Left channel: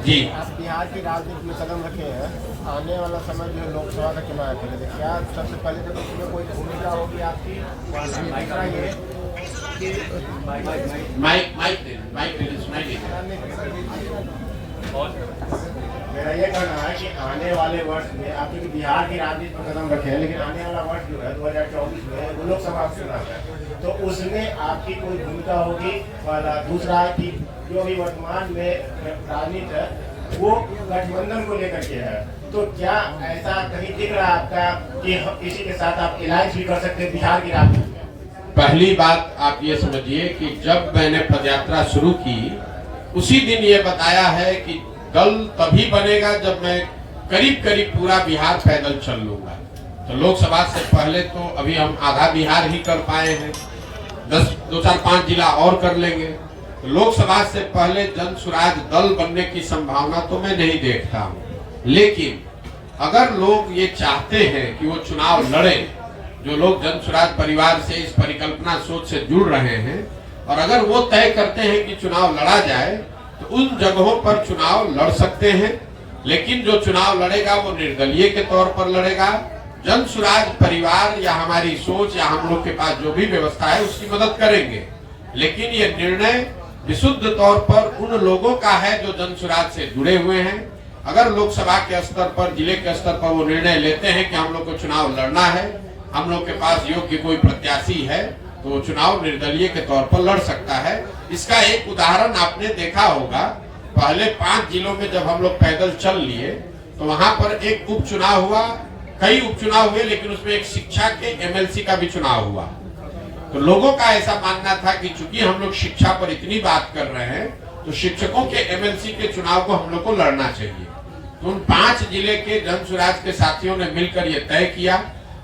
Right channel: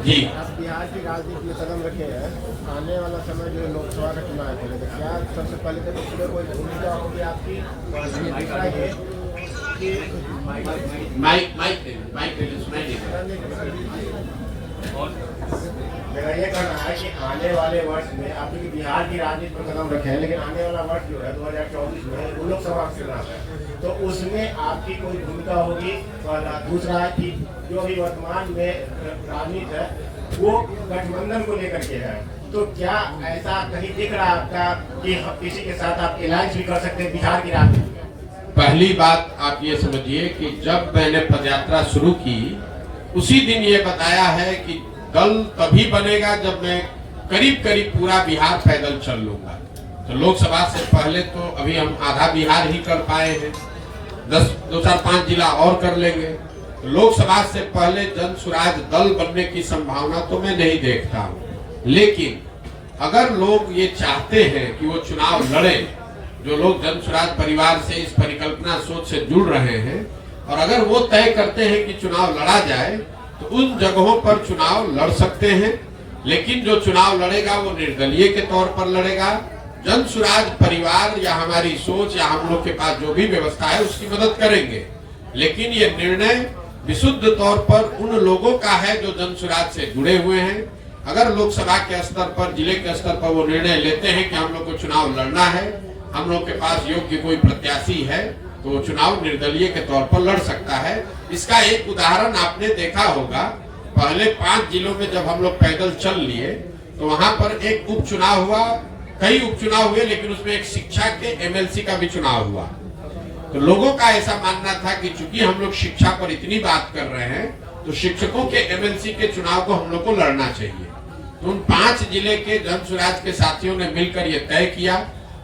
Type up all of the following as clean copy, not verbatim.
जी। आप बिहार की राजनीति में कदम रखे हैं, आने वाला समय जो लोकसभा का चुनाव है, क्या सबसे पहले तो इसमें कोई भूमिका होगी आपकी? और दूसरा ये कि माइक सुनाइए। मेरा ये कहना है कि आने वाले वर्ष में आप जो बिहार की राजनीति में कदम रखे हैं, लेकिन आने वाला वर्ष जो है 2024 में वो लोकसभा चुनाव है, तो उसमें आपकी कोई भूमिका होगी? और दूसरा है कि जो अभी वर्तमान में राजनीति है वो गठबंधन को लेकर के है, तो क्या ऐसा कहीं दिख रहा है आपका कि किसी के साथ आप अलायंस भी कर सकते हैं बिहार की राजनीति में? पहली बात आप ये समझिए कि जब मैंने पदयात्रा शुरू की उसी दिन ये बताया है कि दल तभी बनेगा जब मैं करीब करीब पूरा बिहार पैदल चल लूंगा। तो लोकसभा से पहले तो अभी हम आधा बिहार ही कर पाए हैं, 2-4-5 जिला और कर लेंगे। तो लोकसभा से पहले जन स्वराज दल बनने की संभावना तो मैं नहीं देखता हूँ, लेकिन अगर लोग ये चाहते हैं कि वो चुनाव लड़े, जो लोग जन स्वराज परिवार से इस परिकल्पना सोच से जुड़ रहे हैं, और अगर वो तय करते हैं कि चुनाव लड़ा जाए तो उन जगहों पर चुनाव लड़ सकते हैं। लेकिन जो चुनाव लड़ेगा वो निर्दलीय के तौर पर लड़ेगा। जन स्वराज परिवार या हमारी सोच या हम लोग के पास जो भी व्यवस्था है उसकी मदद करेंगे, लेकिन ये निर्णय विशुद्ध तौर पर उन लोगों का है जो जन स्वराज से जुड़े हुए हैं। अगर लोकसभा के स्तर पर, जिले के स्तर पर वो निर्णय लेते हैं कि हम लोग को चुनाव लड़ना है, हम लोग के पास योग्य कोई प्रत्याशी है, तो वो चुनाव निर्दलीय के तौर पर लड़ सकता है। इसका एक उदाहरण आपने देखा होगा, पहले 5 जिलों में जब हम लोग पैदल चल लिए तो वहां पर एक उपचुनाव हुआ, कई उपचुनाव हुए, लेकिन उसमें एक शिक्षा के एमएलसी का भी चुनाव हुआ। तो लोगों का ऐसा मानना था कि चूंकि हम लोग शिक्षा पर इतनी बात कर रहे हैं तो शिक्षकों के एमएलसी के चुनाव को हम लोग को लड़ना चाहिए। तो उन 5 जिले के जन स्वराज के साथियों ने मिलकर यह तय किया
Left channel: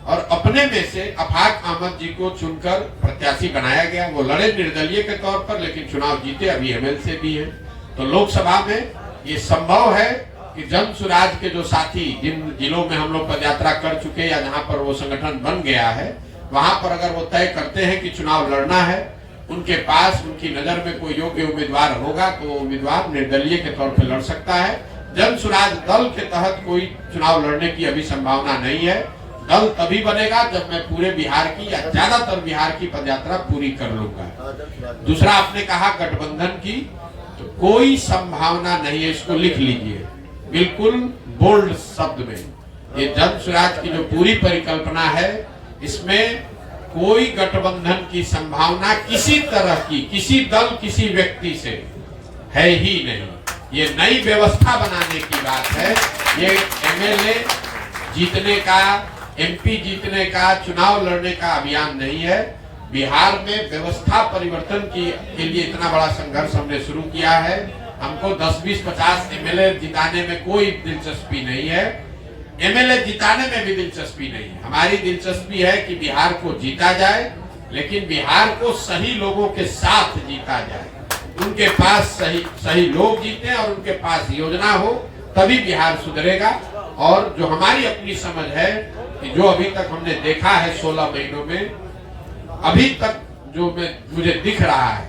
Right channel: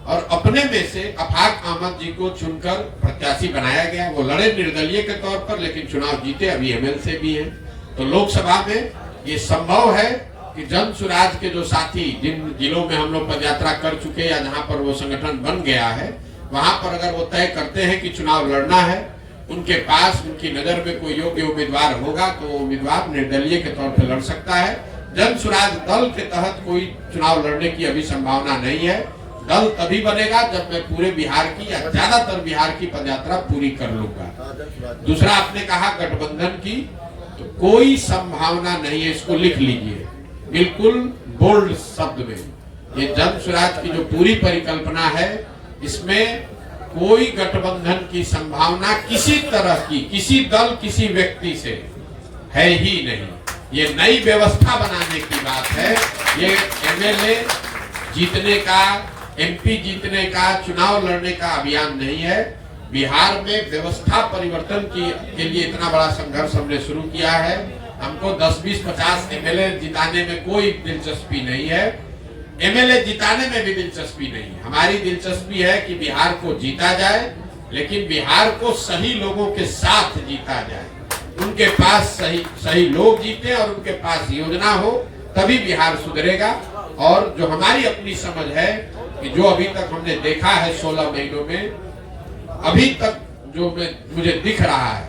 और अपने में से अफाक अहमद जी को चुनकर प्रत्याशी बनाया गया। वो लड़े निर्दलीय के तौर पर, लेकिन चुनाव जीते, अभी एमएलसी भी है। तो लोकसभा में ये संभव है कि जन स्वराज के जो साथी जिन जिलों में हम लोग पदयात्रा कर चुके या जहां पर वो संगठन बन गया है, वहां पर अगर वो तय करते हैं कि चुनाव लड़ना है, उनके पास उनकी नजर में कोई योग्य उम्मीदवार होगा तो उम्मीदवार निर्दलीय के तौर पर लड़ सकता है। जन स्वराज दल के तहत कोई चुनाव लड़ने की अभी संभावना नहीं है। दल तभी बनेगा जब मैं पूरे बिहार की या ज्यादातर बिहार की पदयात्रा पूरी कर लूंगा। दूसरा आपने कहा गठबंधन की, तो कोई संभावना नहीं है, इसको लिख लीजिए बिल्कुल बोल्ड शब्द में। ये जन स्वराज की जो पूरी परिकल्पना है, इसमें कोई गठबंधन की संभावना किसी तरह की, किसी दल किसी व्यक्ति से है ही नहीं। ये नई व्यवस्था बनाने की बात है। ये एमएलए जीतने का, एमपी जीतने का, चुनाव लड़ने का अभियान नहीं है। बिहार में व्यवस्था परिवर्तन के लिए इतना बड़ा संघर्ष हमने शुरू किया है। हमको 10, 20, 50 एमएलए जिताने में कोई दिलचस्पी नहीं है, एमएलए जिताने में भी दिलचस्पी नहीं है। हमारी दिलचस्पी है कि बिहार को जीता जाए, लेकिन बिहार को सही लोगों के साथ जीता जाए, उनके पास सही लोग जीते और उनके पास योजना हो, तभी बिहार सुधरेगा। और जो हमारी अपनी समझ है कि जो अभी तक हमने देखा है 16 महीनों में, अभी तक जो मुझे दिख रहा है,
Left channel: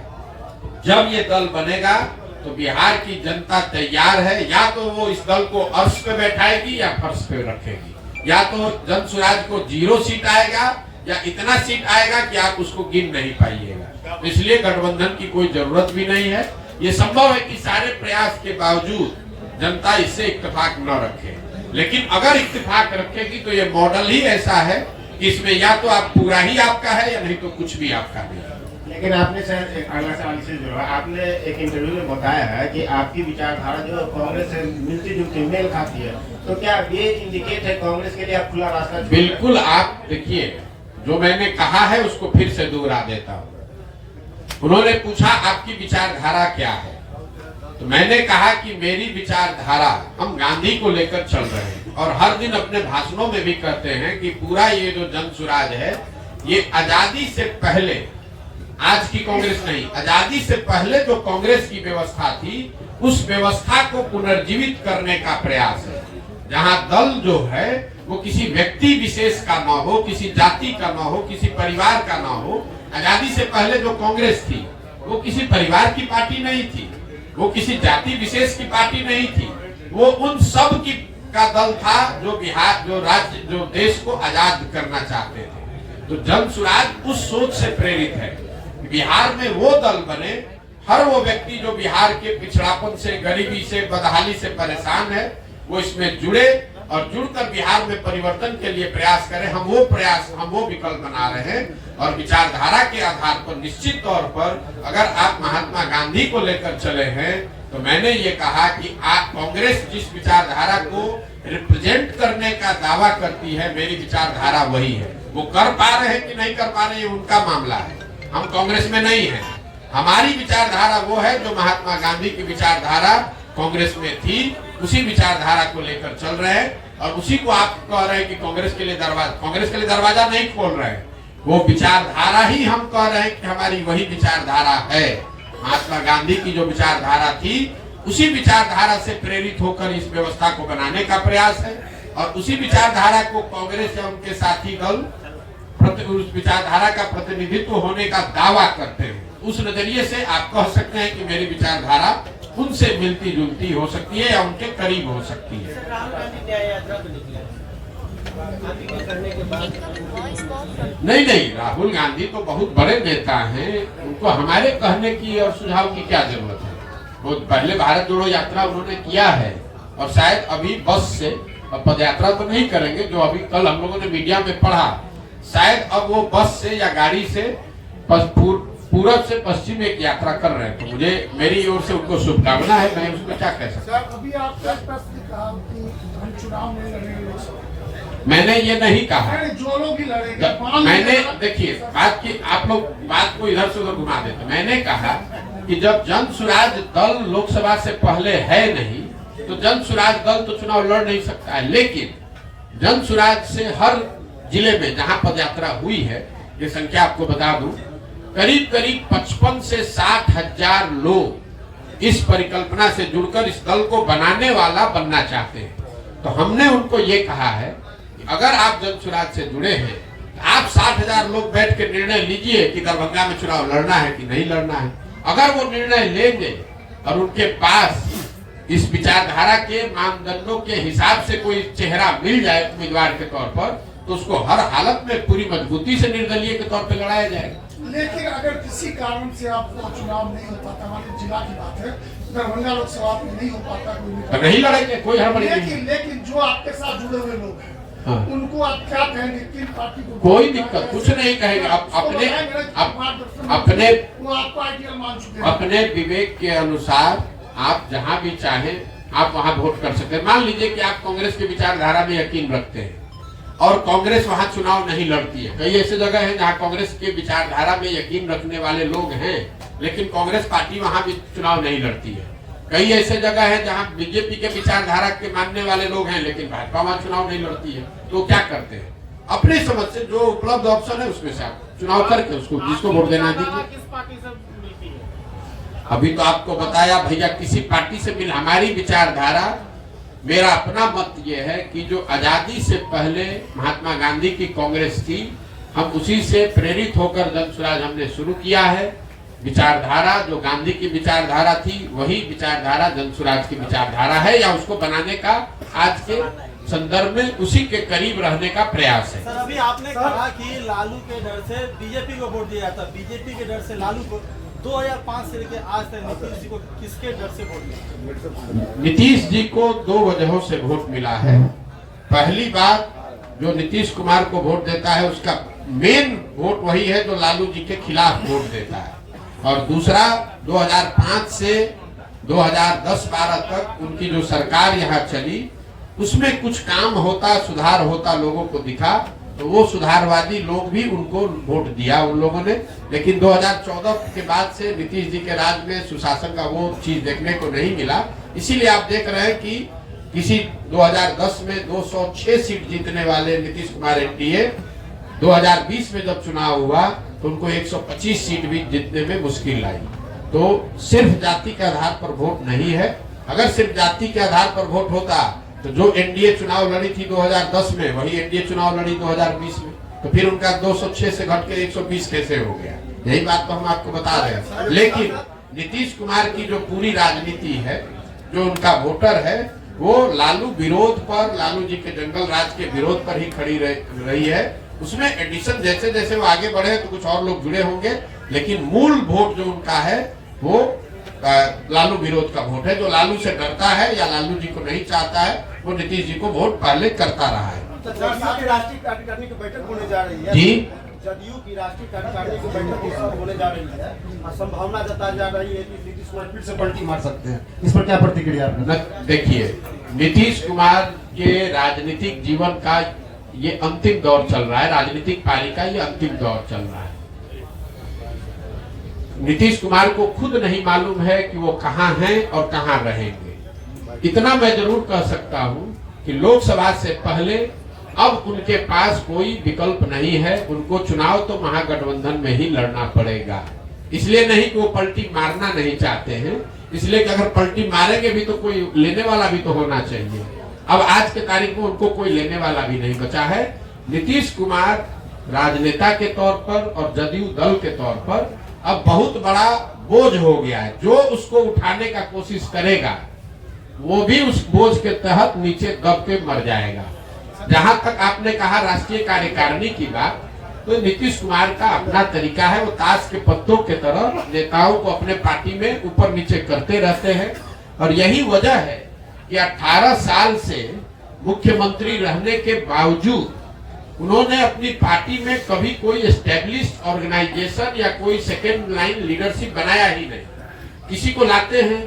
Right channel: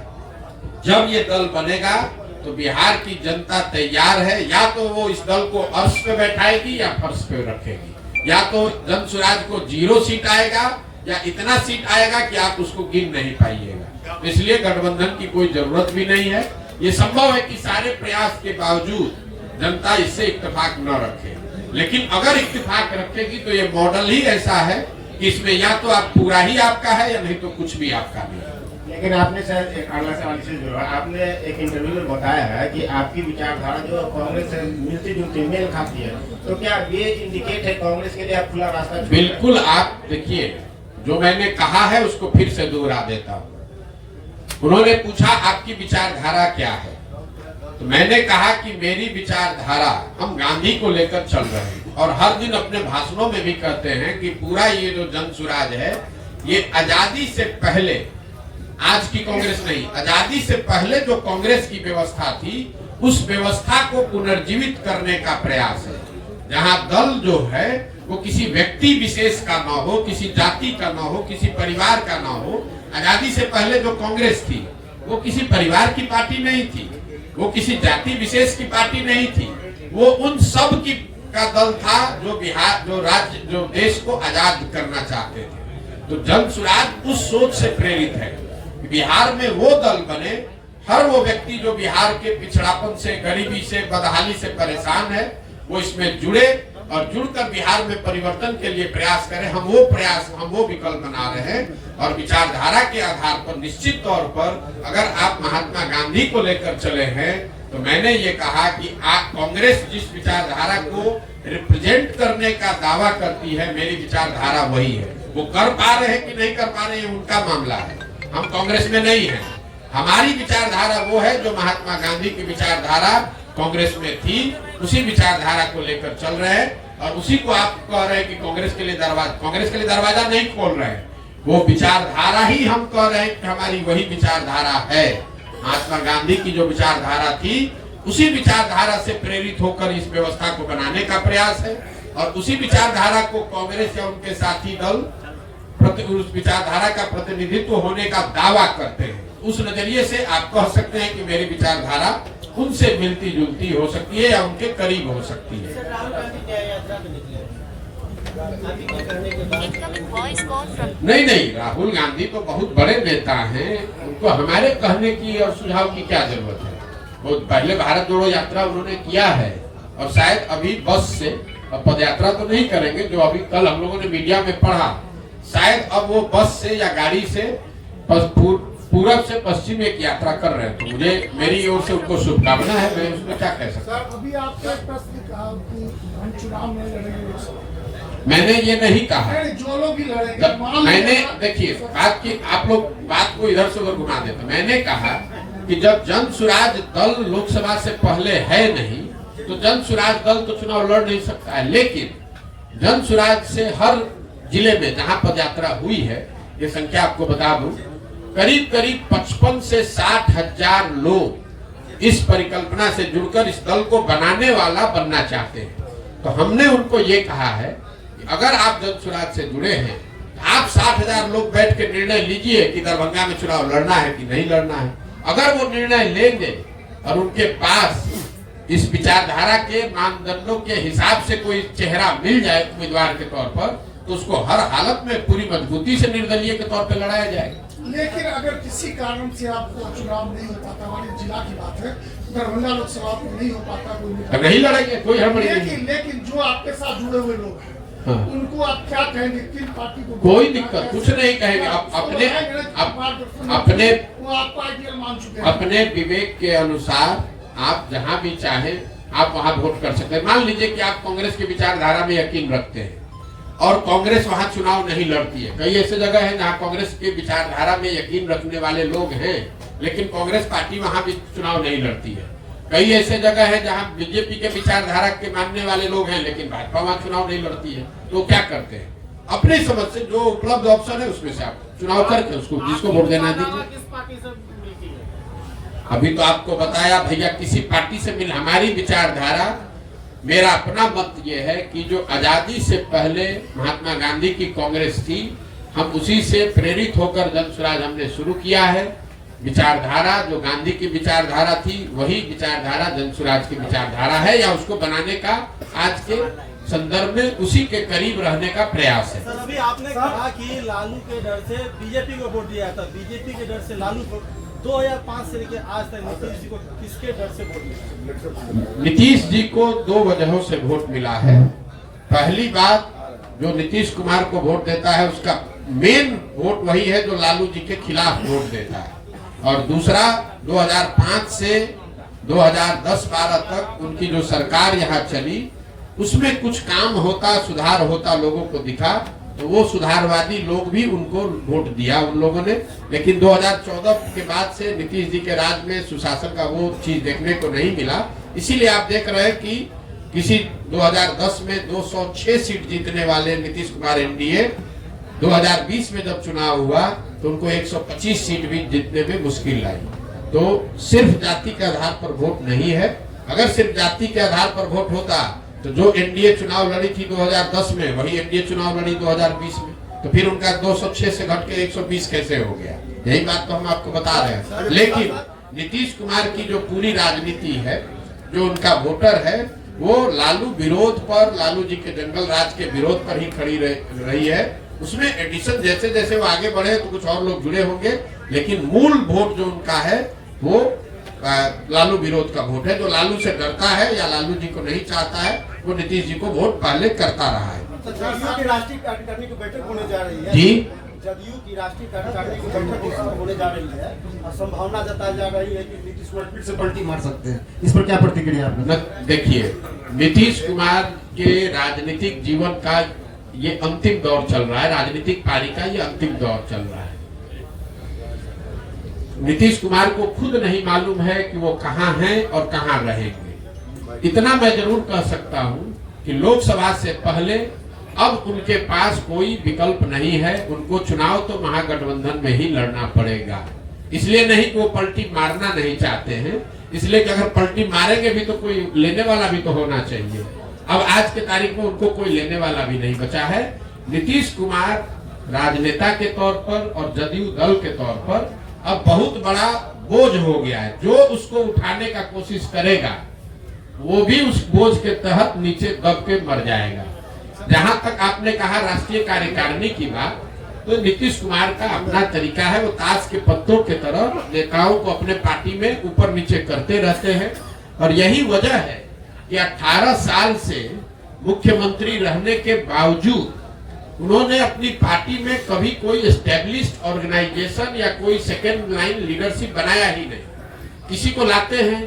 जब ये दल बनेगा तो बिहार की जनता तैयार है। या तो वो इस दल को अर्श पे बैठाएगी या फर्श पे रखेगी, या तो जन स्वराज को 0 सीट आएगा या इतना सीट आएगा कि आप उसको गिन नहीं पाइएगा। इसलिए गठबंधन की कोई जरूरत भी नहीं है। ये संभव है कि सारे प्रयास के बावजूद जनता इससे इत्तेफाक न रखे, लेकिन अगर इत्तेफाक रखेगी तो ये मॉडल ही ऐसा है कि इसमें या तो आप पूरा ही आपका है या नहीं तो कुछ भी आपका नहीं है। लेकिन आपने शायद एक अगला सवाल से जुड़ा, आपने एक इंटरव्यू में बताया है कि आपकी विचारधारा जो कांग्रेस से मिलती जुलती मेल खाती है, तो क्या ये इंडिकेट है कांग्रेस के लिए आप खुला रास्ता? बिल्कुल। आप देखिए, जो मैंने कहा है उसको फिर से दोहरा देता हूँ। उन्होंने पूछा आपकी विचारधारा क्या है, तो मैंने कहा कि मेरी विचारधारा, हम गांधी को लेकर चल रहे हैं और हर दिन अपने भाषणों में भी कहते हैं कि पूरा ये जो जन स्वराज है, ये आजादी से पहले, आज की कांग्रेस नहीं, आजादी से पहले जो कांग्रेस की व्यवस्था थी, उस व्यवस्था को पुनर्जीवित करने का प्रयास है। जहां दल जो है वो किसी व्यक्ति विशेष का ना हो, किसी जाति का ना हो, किसी परिवार का ना हो। आजादी से पहले जो कांग्रेस थी वो किसी परिवार की पार्टी नहीं थी, वो किसी जाति विशेष की पार्टी नहीं थी, वो उन सब की का दल था जो बिहार, जो राज्य, जो देश को आजाद करना चाहते थे। तो जन सुराज उस सोच से प्रेरित है। बिहार में वो दल बने, हर वो व्यक्ति जो बिहार के पिछड़ापन से, गरीबी से, बदहाली से परेशान है, वो इसमें जुड़े और जुड़कर बिहार में परिवर्तन के लिए प्रयास करें। हम वो विकल्प बना रहे हैं और विचारधारा के आधार पर निश्चित तौर पर अगर आप महात्मा गांधी को लेकर चले हैं तो मैंने ये कहा कि आप कांग्रेस जिस विचारधारा को रिप्रेजेंट करने का दावा करती है, मेरी विचारधारा वही है। वो कर पा रहे हैं कि नहीं कर पा रहे हैं उनका मामला है, हम कांग्रेस में नहीं है। हमारी विचारधारा वो है जो महात्मा गांधी की विचारधारा कांग्रेस में थी, उसी विचारधारा को लेकर चल रहे हैं और उसी को आप कह रहे हैं कि कांग्रेस के लिए दरवाजा नहीं खोल रहे हैं। वो विचारधारा ही हम कह रहे हैं कि हमारी वही विचारधारा है। महात्मा गांधी की जो विचारधारा थी, उसी विचारधारा से प्रेरित होकर इस व्यवस्था को बनाने का प्रयास है और उसी विचारधारा को कांग्रेस या उनके साथी दल उस विचारधारा का प्रतिनिधित्व होने का दावा करते हैं। उस नजरिए से आप कह सकते हैं कि मेरी विचारधारा उनसे मिलती जुलती हो सकती है या उनके करीब हो सकती है। नहीं, राहुल गांधी तो बहुत बड़े नेता हैं, उनको हमारे कहने की और सुझाव की क्या जरूरत है। वो पहले भारत जोड़ो यात्रा उन्होंने किया है और शायद अभी बस से पद यात्रा तो नहीं करेंगे, जो अभी कल हम लोगों ने मीडिया में पढ़ा, शायद अब वो बस से या गाड़ी से पूरब से पश्चिम एक यात्रा कर रहे हैं। तो मुझे मेरी ओर से उनको शुभकामना है, मैं उसमें क्या कह सकता हूँ। अभी आपने एक प्रश्न कहा कि हम चुनाव में लड़ेंगे, मैंने ये नहीं कहा। जो लोग ही लड़ेंगे, मैंने देखिए आप लोग बात को इधर से उधर घुमा देते। मैंने कहा कि जब जन सुराज दल लोकसभा से पहले है नहीं, तो जन सुराज दल तो चुनाव लड़ नहीं सकता है। लेकिन जन सुराज से हर जिले में जहां पदयात्रा हुई है, ये संख्या आपको बता दूं, करीब 55 से 60 हजार लोग इस परिकल्पना से जुड़कर इस दल को बनाने वाला बनना चाहते हैं। तो हमने उनको ये कहा है कि अगर आप जन सुराज से जुड़े हैं, आप 60 हजार लोग बैठ के निर्णय लीजिए कि दरभंगा में चुनाव लड़ना है कि नहीं लड़ना है। अगर वो निर्णय लेंगे और उनके पास इस विचारधारा के मानदंडों के हिसाब से कोई चेहरा मिल जाए उम्मीदवार के तौर पर, तो उसको हर हालत में पूरी मजबूती से निर्दलीय के तौर पर लड़ाया जाएगा। लेकिन अगर किसी कारण से आपको चुनाव नहीं हो पाता, हमारे जिला की बात है, दरभंगा लोकसभा में नहीं हो पाता, कोई नहीं लड़ेंगे, कोई हड़बड़ी नहीं। लेकिन जो आपके साथ जुड़े हुए लोग हैं, हाँ, उनको आप क्या कहेंगे? तीन पार्टी को कोई दिक्कत कुछ नहीं कहेंगे। अपने विवेक के अनुसार आप जहां भी चाहें आप वहां वोट कर सकते हैं। मान लीजिए कि आप कांग्रेस की विचारधारा में यकीन रखते हैं और कांग्रेस वहां चुनाव नहीं लड़ती है। कई ऐसे जगह है जहां कांग्रेस की विचारधारा में यकीन रखने वाले लोग हैं, लेकिन कांग्रेस पार्टी वहां भी चुनाव नहीं लड़ती है। कई ऐसे जगह है जहां बीजेपी के विचारधारा के मानने वाले लोग हैं, लेकिन भाजपा वहां चुनाव नहीं लड़ती है। तो क्या करते हैं, अपनी समझ से जो उपलब्ध ऑप्शन है उसमें से आप चुनाव करके उसको जिसको वोट देना दीजिए। अभी तो आपको बताया भैया, किसी पार्टी से मिल, हमारी विचारधारा, मेरा अपना मत ये है कि जो आजादी से पहले महात्मा गांधी की कांग्रेस थी, हम उसी से प्रेरित होकर जन सुराज हमने शुरू किया है। विचारधारा जो गांधी की विचारधारा थी, वही विचारधारा जन सुराज की विचारधारा है, या उसको बनाने का आज के संदर्भ में उसी के करीब रहने का प्रयास है। सर, अभी आपने कहा कि लालू के डर से बीजेपी को वोट दिया था, बीजेपी के डर से लालू को 2005 से लेकर आज तक नीतीश जी को किसके डर से वोट मिला? नीतीश जी को दो वजहों से वोट मिला है। पहली बात, जो नीतीश कुमार को वोट देता है उसका मेन वोट वही है जो लालू जी के खिलाफ वोट देता है। और दूसरा, 2005 से 2010-12 तक उनकी जो सरकार यहाँ चली, उसमें कुछ काम होता, सुधार होता लोगों को दिखा, तो वो सुधारवादी लोग भी उनको वोट दिया उन लोगों ने। लेकिन 2014 के बाद से नीतीश जी के राज में सुशासन का वो चीज देखने को नहीं मिला। इसीलिए आप देख रहे हैं कि किसी 2010 में 206 सीट जीतने वाले नीतीश कुमार एनडीए 2020 में जब चुनाव हुआ तो उनको 125 सीट भी जीतने में मुश्किल आई। तो सिर्फ जाति के आधार पर वोट नहीं है। अगर सिर्फ जाति के आधार पर वोट होता तो जो एनडीए चुनाव लड़ी थी 2010 में, वही एनडीए चुनाव लड़ी 2020 में, तो फिर उनका 206 से घट के 120 कैसे हो गया? यही बात तो हम आपको बता रहे हैं। नीतीश कुमार की जो पूरी राजनीति है, जो उनका वोटर है, वो लालू विरोध पर, लालू जी के जंगल राज के विरोध पर ही खड़ी रही है। उसमें एडिशन जैसे जैसे वो आगे बढ़े तो कुछ और लोग जुड़े होंगे, लेकिन मूल वोट जो उनका है वो लालू विरोध का वोट है। जो लालू से डरता है या लालू जी को नहीं चाहता है, वो नीतीश जी को वोट पहले करता रहा है। तो जदयू की राष्ट्रीय कार्यकारिणी की बैठक होने जा रही है जी, जदयू की राष्ट्रीय कार्यकारिणी की बैठक होने जा रही है और संभावना जताई जा रही है कि नीतीश कुमार फिर से पलटी मार सकते हैं। इस पर क्या प्रतिक्रिया आपने? देखिए, नीतीश कुमार के राजनीतिक जीवन का ये अंतिम दौर चल रहा है, राजनीतिक पारी का ये अंतिम दौर चल रहा है। नीतीश कुमार को खुद नहीं मालूम है कि वो कहां हैं और कहां रहेंगे। इतना मैं जरूर कह सकता हूं कि लोकसभा से पहले अब उनके पास कोई विकल्प नहीं है। उनको चुनाव तो महागठबंधन में ही लड़ना पड़ेगा। इसलिए नहीं कि वो पलटी मारना नहीं चाहते हैं, इसलिए कि अगर पलटी मारेंगे भी तो कोई लेने वाला भी तो होना चाहिए। अब आज के तारीख में उनको कोई लेने वाला भी नहीं बचा है। नीतीश कुमार राजनेता के तौर पर और जदयू दल के तौर पर अब बहुत बड़ा बोझ हो गया है। जो उसको उठाने का कोशिश करेगा वो भी उस बोझ के तहत नीचे दब के मर जाएगा। जहां तक आपने कहा राष्ट्रीय कार्यकारिणी की बात, तो नीतीश कुमार का अपना तरीका है। वो ताश के पत्तों के तरह नेताओं को अपने पार्टी में ऊपर नीचे करते रहते हैं। और यही वजह है कि 18 साल से मुख्यमंत्री रहने के बावजूद उन्होंने अपनी पार्टी में कभी कोई एस्टेब्लिश्ड ऑर्गेनाइजेशन या कोई सेकेंड लाइन लीडरशिप बनाया ही नहीं। किसी को लाते हैं,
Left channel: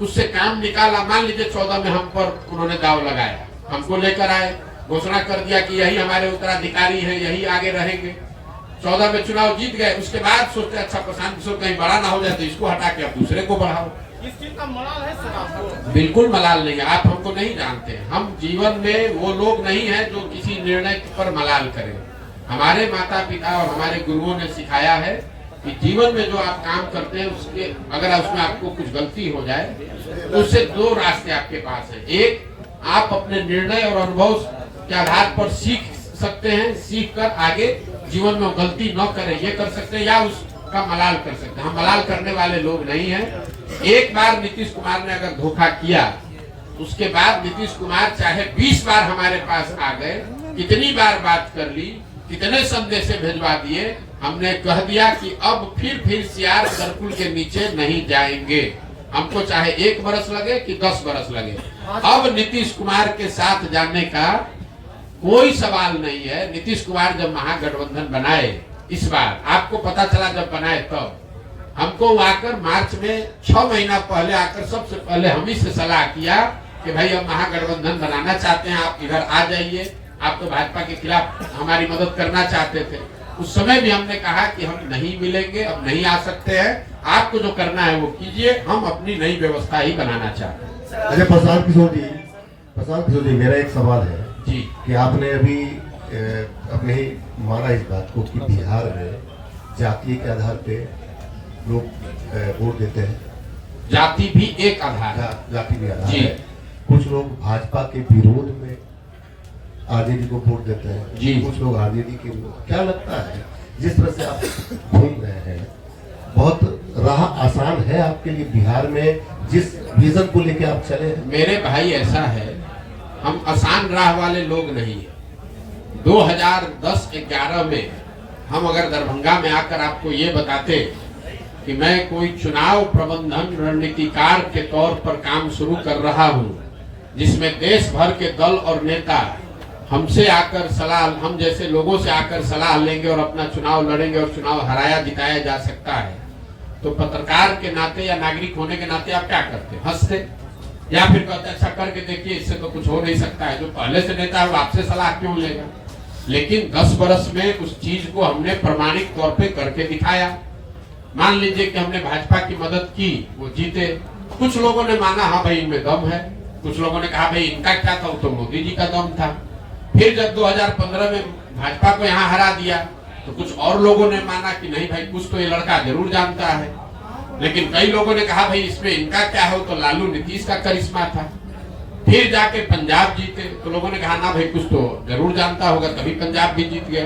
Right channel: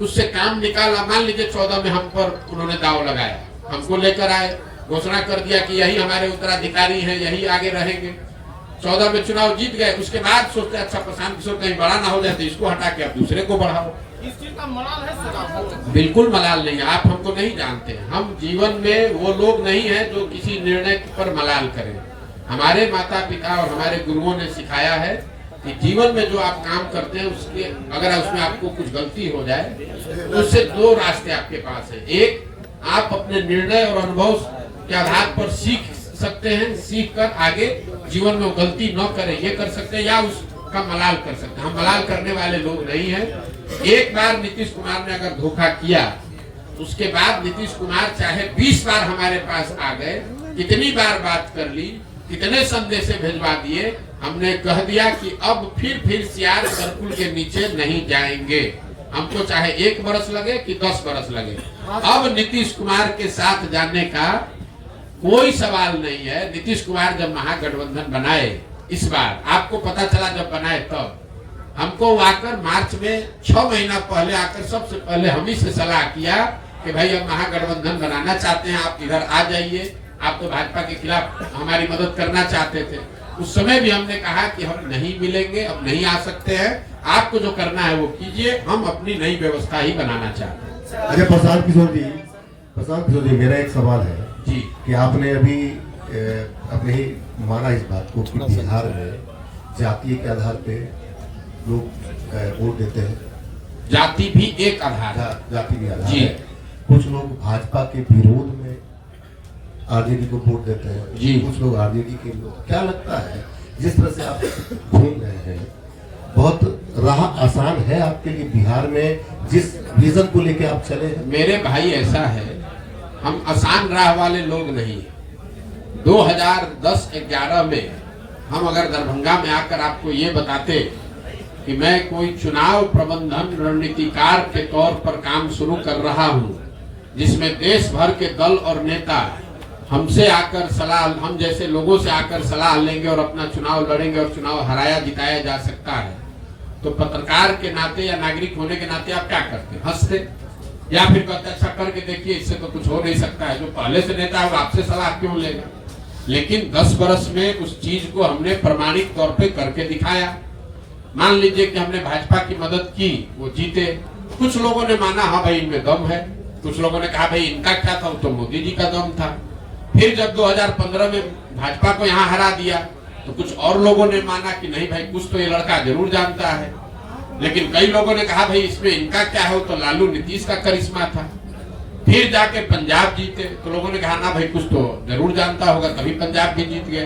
उससे काम निकाला। मान लीजिए 14 में हम पर उन्होंने दाव लगाया, हमको लेकर आए, घोषणा कर दिया कि यही हमारे उत्तराधिकारी हैं, यही आगे रहेंगे। 14 में चुनाव जीत गए। उसके बाद सोचते अच्छा प्रशांत किशोर कहीं बड़ा ना हो जाए तो इसको हटा के आप दूसरे को बढ़ाओ। इस चीज का मलाल है सर आपको? बिल्कुल मलाल नहीं है। आप हमको नहीं जानते। हम जीवन में वो लोग नहीं हैं जो किसी निर्णय पर मलाल करें। हमारे माता पिता और हमारे गुरुओं ने सिखाया है कि जीवन में जो आप काम करते हैं उसके अगर उसमें आपको कुछ गलती हो जाए तो उससे दो रास्ते आपके पास है। एक, आप अपने निर्णय और अनुभव के आधार पर सीख सकते हैं, सीख कर आगे जीवन में गलती न करें ये कर सकते हैं, या उसका मलाल कर सकते हैं। हम मलाल करने वाले लोग नहीं हैं। एक बार नीतीश कुमार ने अगर धोखा किया, उसके बाद नीतीश कुमार चाहे 20 बार हमारे पास आ गए, कितनी बार बात कर ली, कितने संदेश भिजवा दिए, हमने कह दिया कि अब फिर सियार सर्कुल के नीचे नहीं जाएंगे। हमको चाहे 1 बरस लगे कि 10 बरस लगे, अब नीतीश कुमार के साथ जाने का कोई सवाल नहीं है। नीतीश कुमार जब महागठबंधन बनाए, इस बार आपको पता चला जब बनाए तब हमको आकर मार्च में 6 महीना पहले आकर सबसे पहले हम ही से सलाह किया कि भाई हम महागठबंधन बनाना चाहते हैं, आप इधर आ जाइए। आप तो भाजपा के खिलाफ हमारी मदद करना चाहते थे। उस समय भी हमने कहा कि हम नहीं मिलेंगे, अब नहीं आ सकते हैं, आपको जो करना है वो कीजिए, हम अपनी नई व्यवस्था ही बनाना चाहते हैं। अरे प्रशांत किशोर जी, मेरा एक सवाल है जी कि आपने अभी अपने ही माना इस बात को कि बिहार में जाति के आधार पे लोग वोट देते हैं। जाति भी एक आधार है। जाति भी आधार जी। है। कुछ लोग भाजपा के विरोध में आरजेडी को वोट देते हैं जी। कुछ लोग आरजेडी के लोग। क्या लगता है जिस तरह से आप घूम रहे हैं, बहुत राह आसान है आपके लिए बिहार में जिस विजन को लेकर आप चले हैं? मेरे भाई ऐसा है, हम आसान राह वाले लोग नहीं। 2010-11 में हम अगर दरभंगा में आकर आपको ये बताते कि मैं कोई चुनाव प्रबंधन रणनीतिकार के तौर पर काम शुरू कर रहा हूं, जिसमें देश भर के दल और नेता हमसे आकर सलाह, हम जैसे लोगों से आकर सलाह लेंगे और अपना चुनाव लड़ेंगे और चुनाव हराया जिताया जा सकता है, तो पत्रकार के नाते या नागरिक होने के नाते आप क्या करते? हंसते या फिर कहते अच्छा करके देखिए, इससे तो कुछ हो नहीं सकता है। जो पहले से नेता है वो आपसे सलाह क्यों लेगा? लेकिन 10 बरस में उस चीज को हमने प्रमाणिक तौर पे करके दिखाया। मान लीजिए कि हमने भाजपा की मदद की, वो जीते। कुछ लोगों ने माना हाँ भाई इनमें दम है, कुछ लोगों ने कहा भाई इनका क्या था, तो मोदी जी का दम था। फिर जब 2015 में भाजपा को यहाँ हरा दिया तो कुछ और लोगों ने माना कि नहीं भाई कुछ तो ये लड़का जरूर जानता है। लेकिन कई लोगों ने कहा भाई इसमें इनका क्या हो, तो लालू नीतीश का करिश्मा था। फिर जाके पंजाब जीते तो लोगों ने कहा ना भाई कुछ तो जरूर जानता होगा, कभी पंजाब भी जीत गया।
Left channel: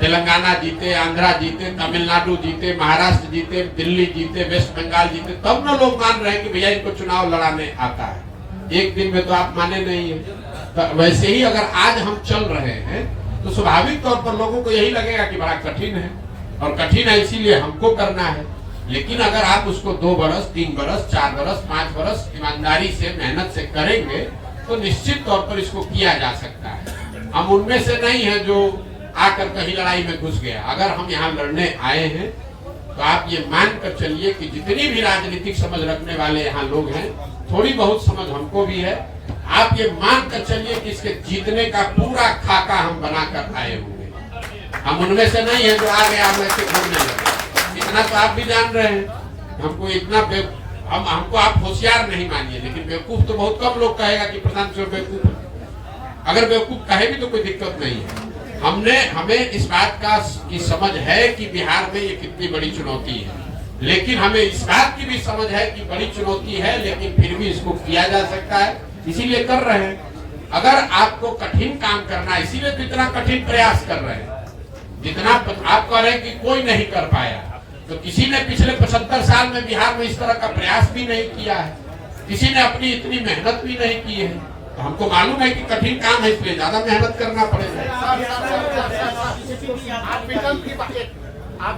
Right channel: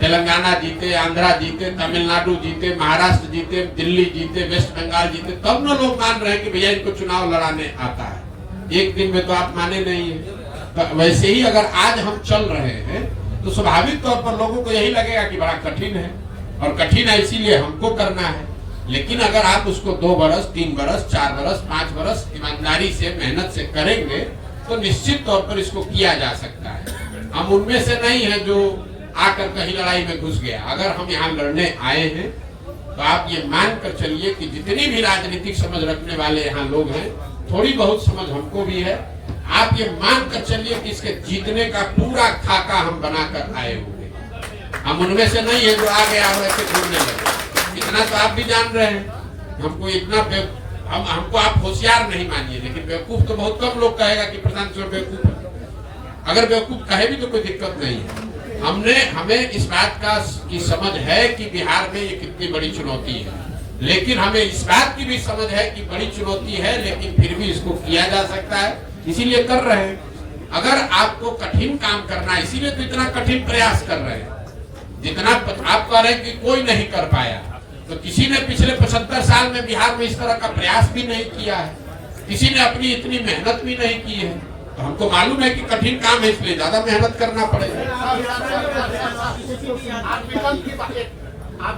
तेलंगाना जीते, आंध्रा जीते, तमिलनाडु जीते, महाराष्ट्र जीते, दिल्ली जीते, वेस्ट बंगाल जीते, तब ना लोग मान रहे हैं कि भैया इनको चुनाव लड़ाने आता है। एक दिन में तो आप माने नहीं है। तो वैसे ही अगर आज हम चल रहे हैं तो स्वाभाविक तौर पर लोगों को यही लगेगा कि बड़ा कठिन है, और कठिन है इसीलिए हमको करना है। लेकिन अगर आप उसको 2 बरस, 3 बरस, 4 बरस, 5 बरस ईमानदारी से, मेहनत से करेंगे तो निश्चित तौर पर इसको किया जा सकता है। हम उनमें से नहीं है जो आकर कहीं लड़ाई में घुस गया। अगर हम यहाँ लड़ने आए हैं तो आप ये मान कर चलिए कि जितनी भी राजनीतिक समझ रखने वाले यहाँ लोग हैं, थोड़ी बहुत समझ हमको भी है। आप ये मान कर चलिए कि इसके जीतने का पूरा खाका हम बनाकर आए हुए हैं। हम उनमें से नहीं है जो आ गया वैसे घूमने लगे। इतना तो आप भी जान रहे हैं। हमको इतना हमको आप होशियार नहीं मानिए, लेकिन बेवकूफ तो बहुत कम लोग कहेगा कि प्रधान चौधरी बेवकूफ है। अगर बेवकूफ कहे भी तो कोई दिक्कत नहीं है। हमें इस बात की समझ है कि बिहार में ये कितनी बड़ी चुनौती है, लेकिन हमें इस बात की भी समझ है कि बड़ी चुनौती है, लेकिन फिर भी इसको किया जा सकता है, इसीलिए कर रहे हैं। अगर आपको कठिन काम करना है, इसीलिए तो इतना कठिन प्रयास कर रहे हैं। जितना आप कह रहे हैं कि कोई नहीं कर पाया, तो किसी ने पिछले 75 साल में बिहार में इस तरह का प्रयास भी नहीं किया है, किसी ने अपनी इतनी मेहनत भी नहीं की है। तो हमको मालूम है कि कठिन काम है, इसलिए ज्यादा मेहनत करना पड़ेगा। आप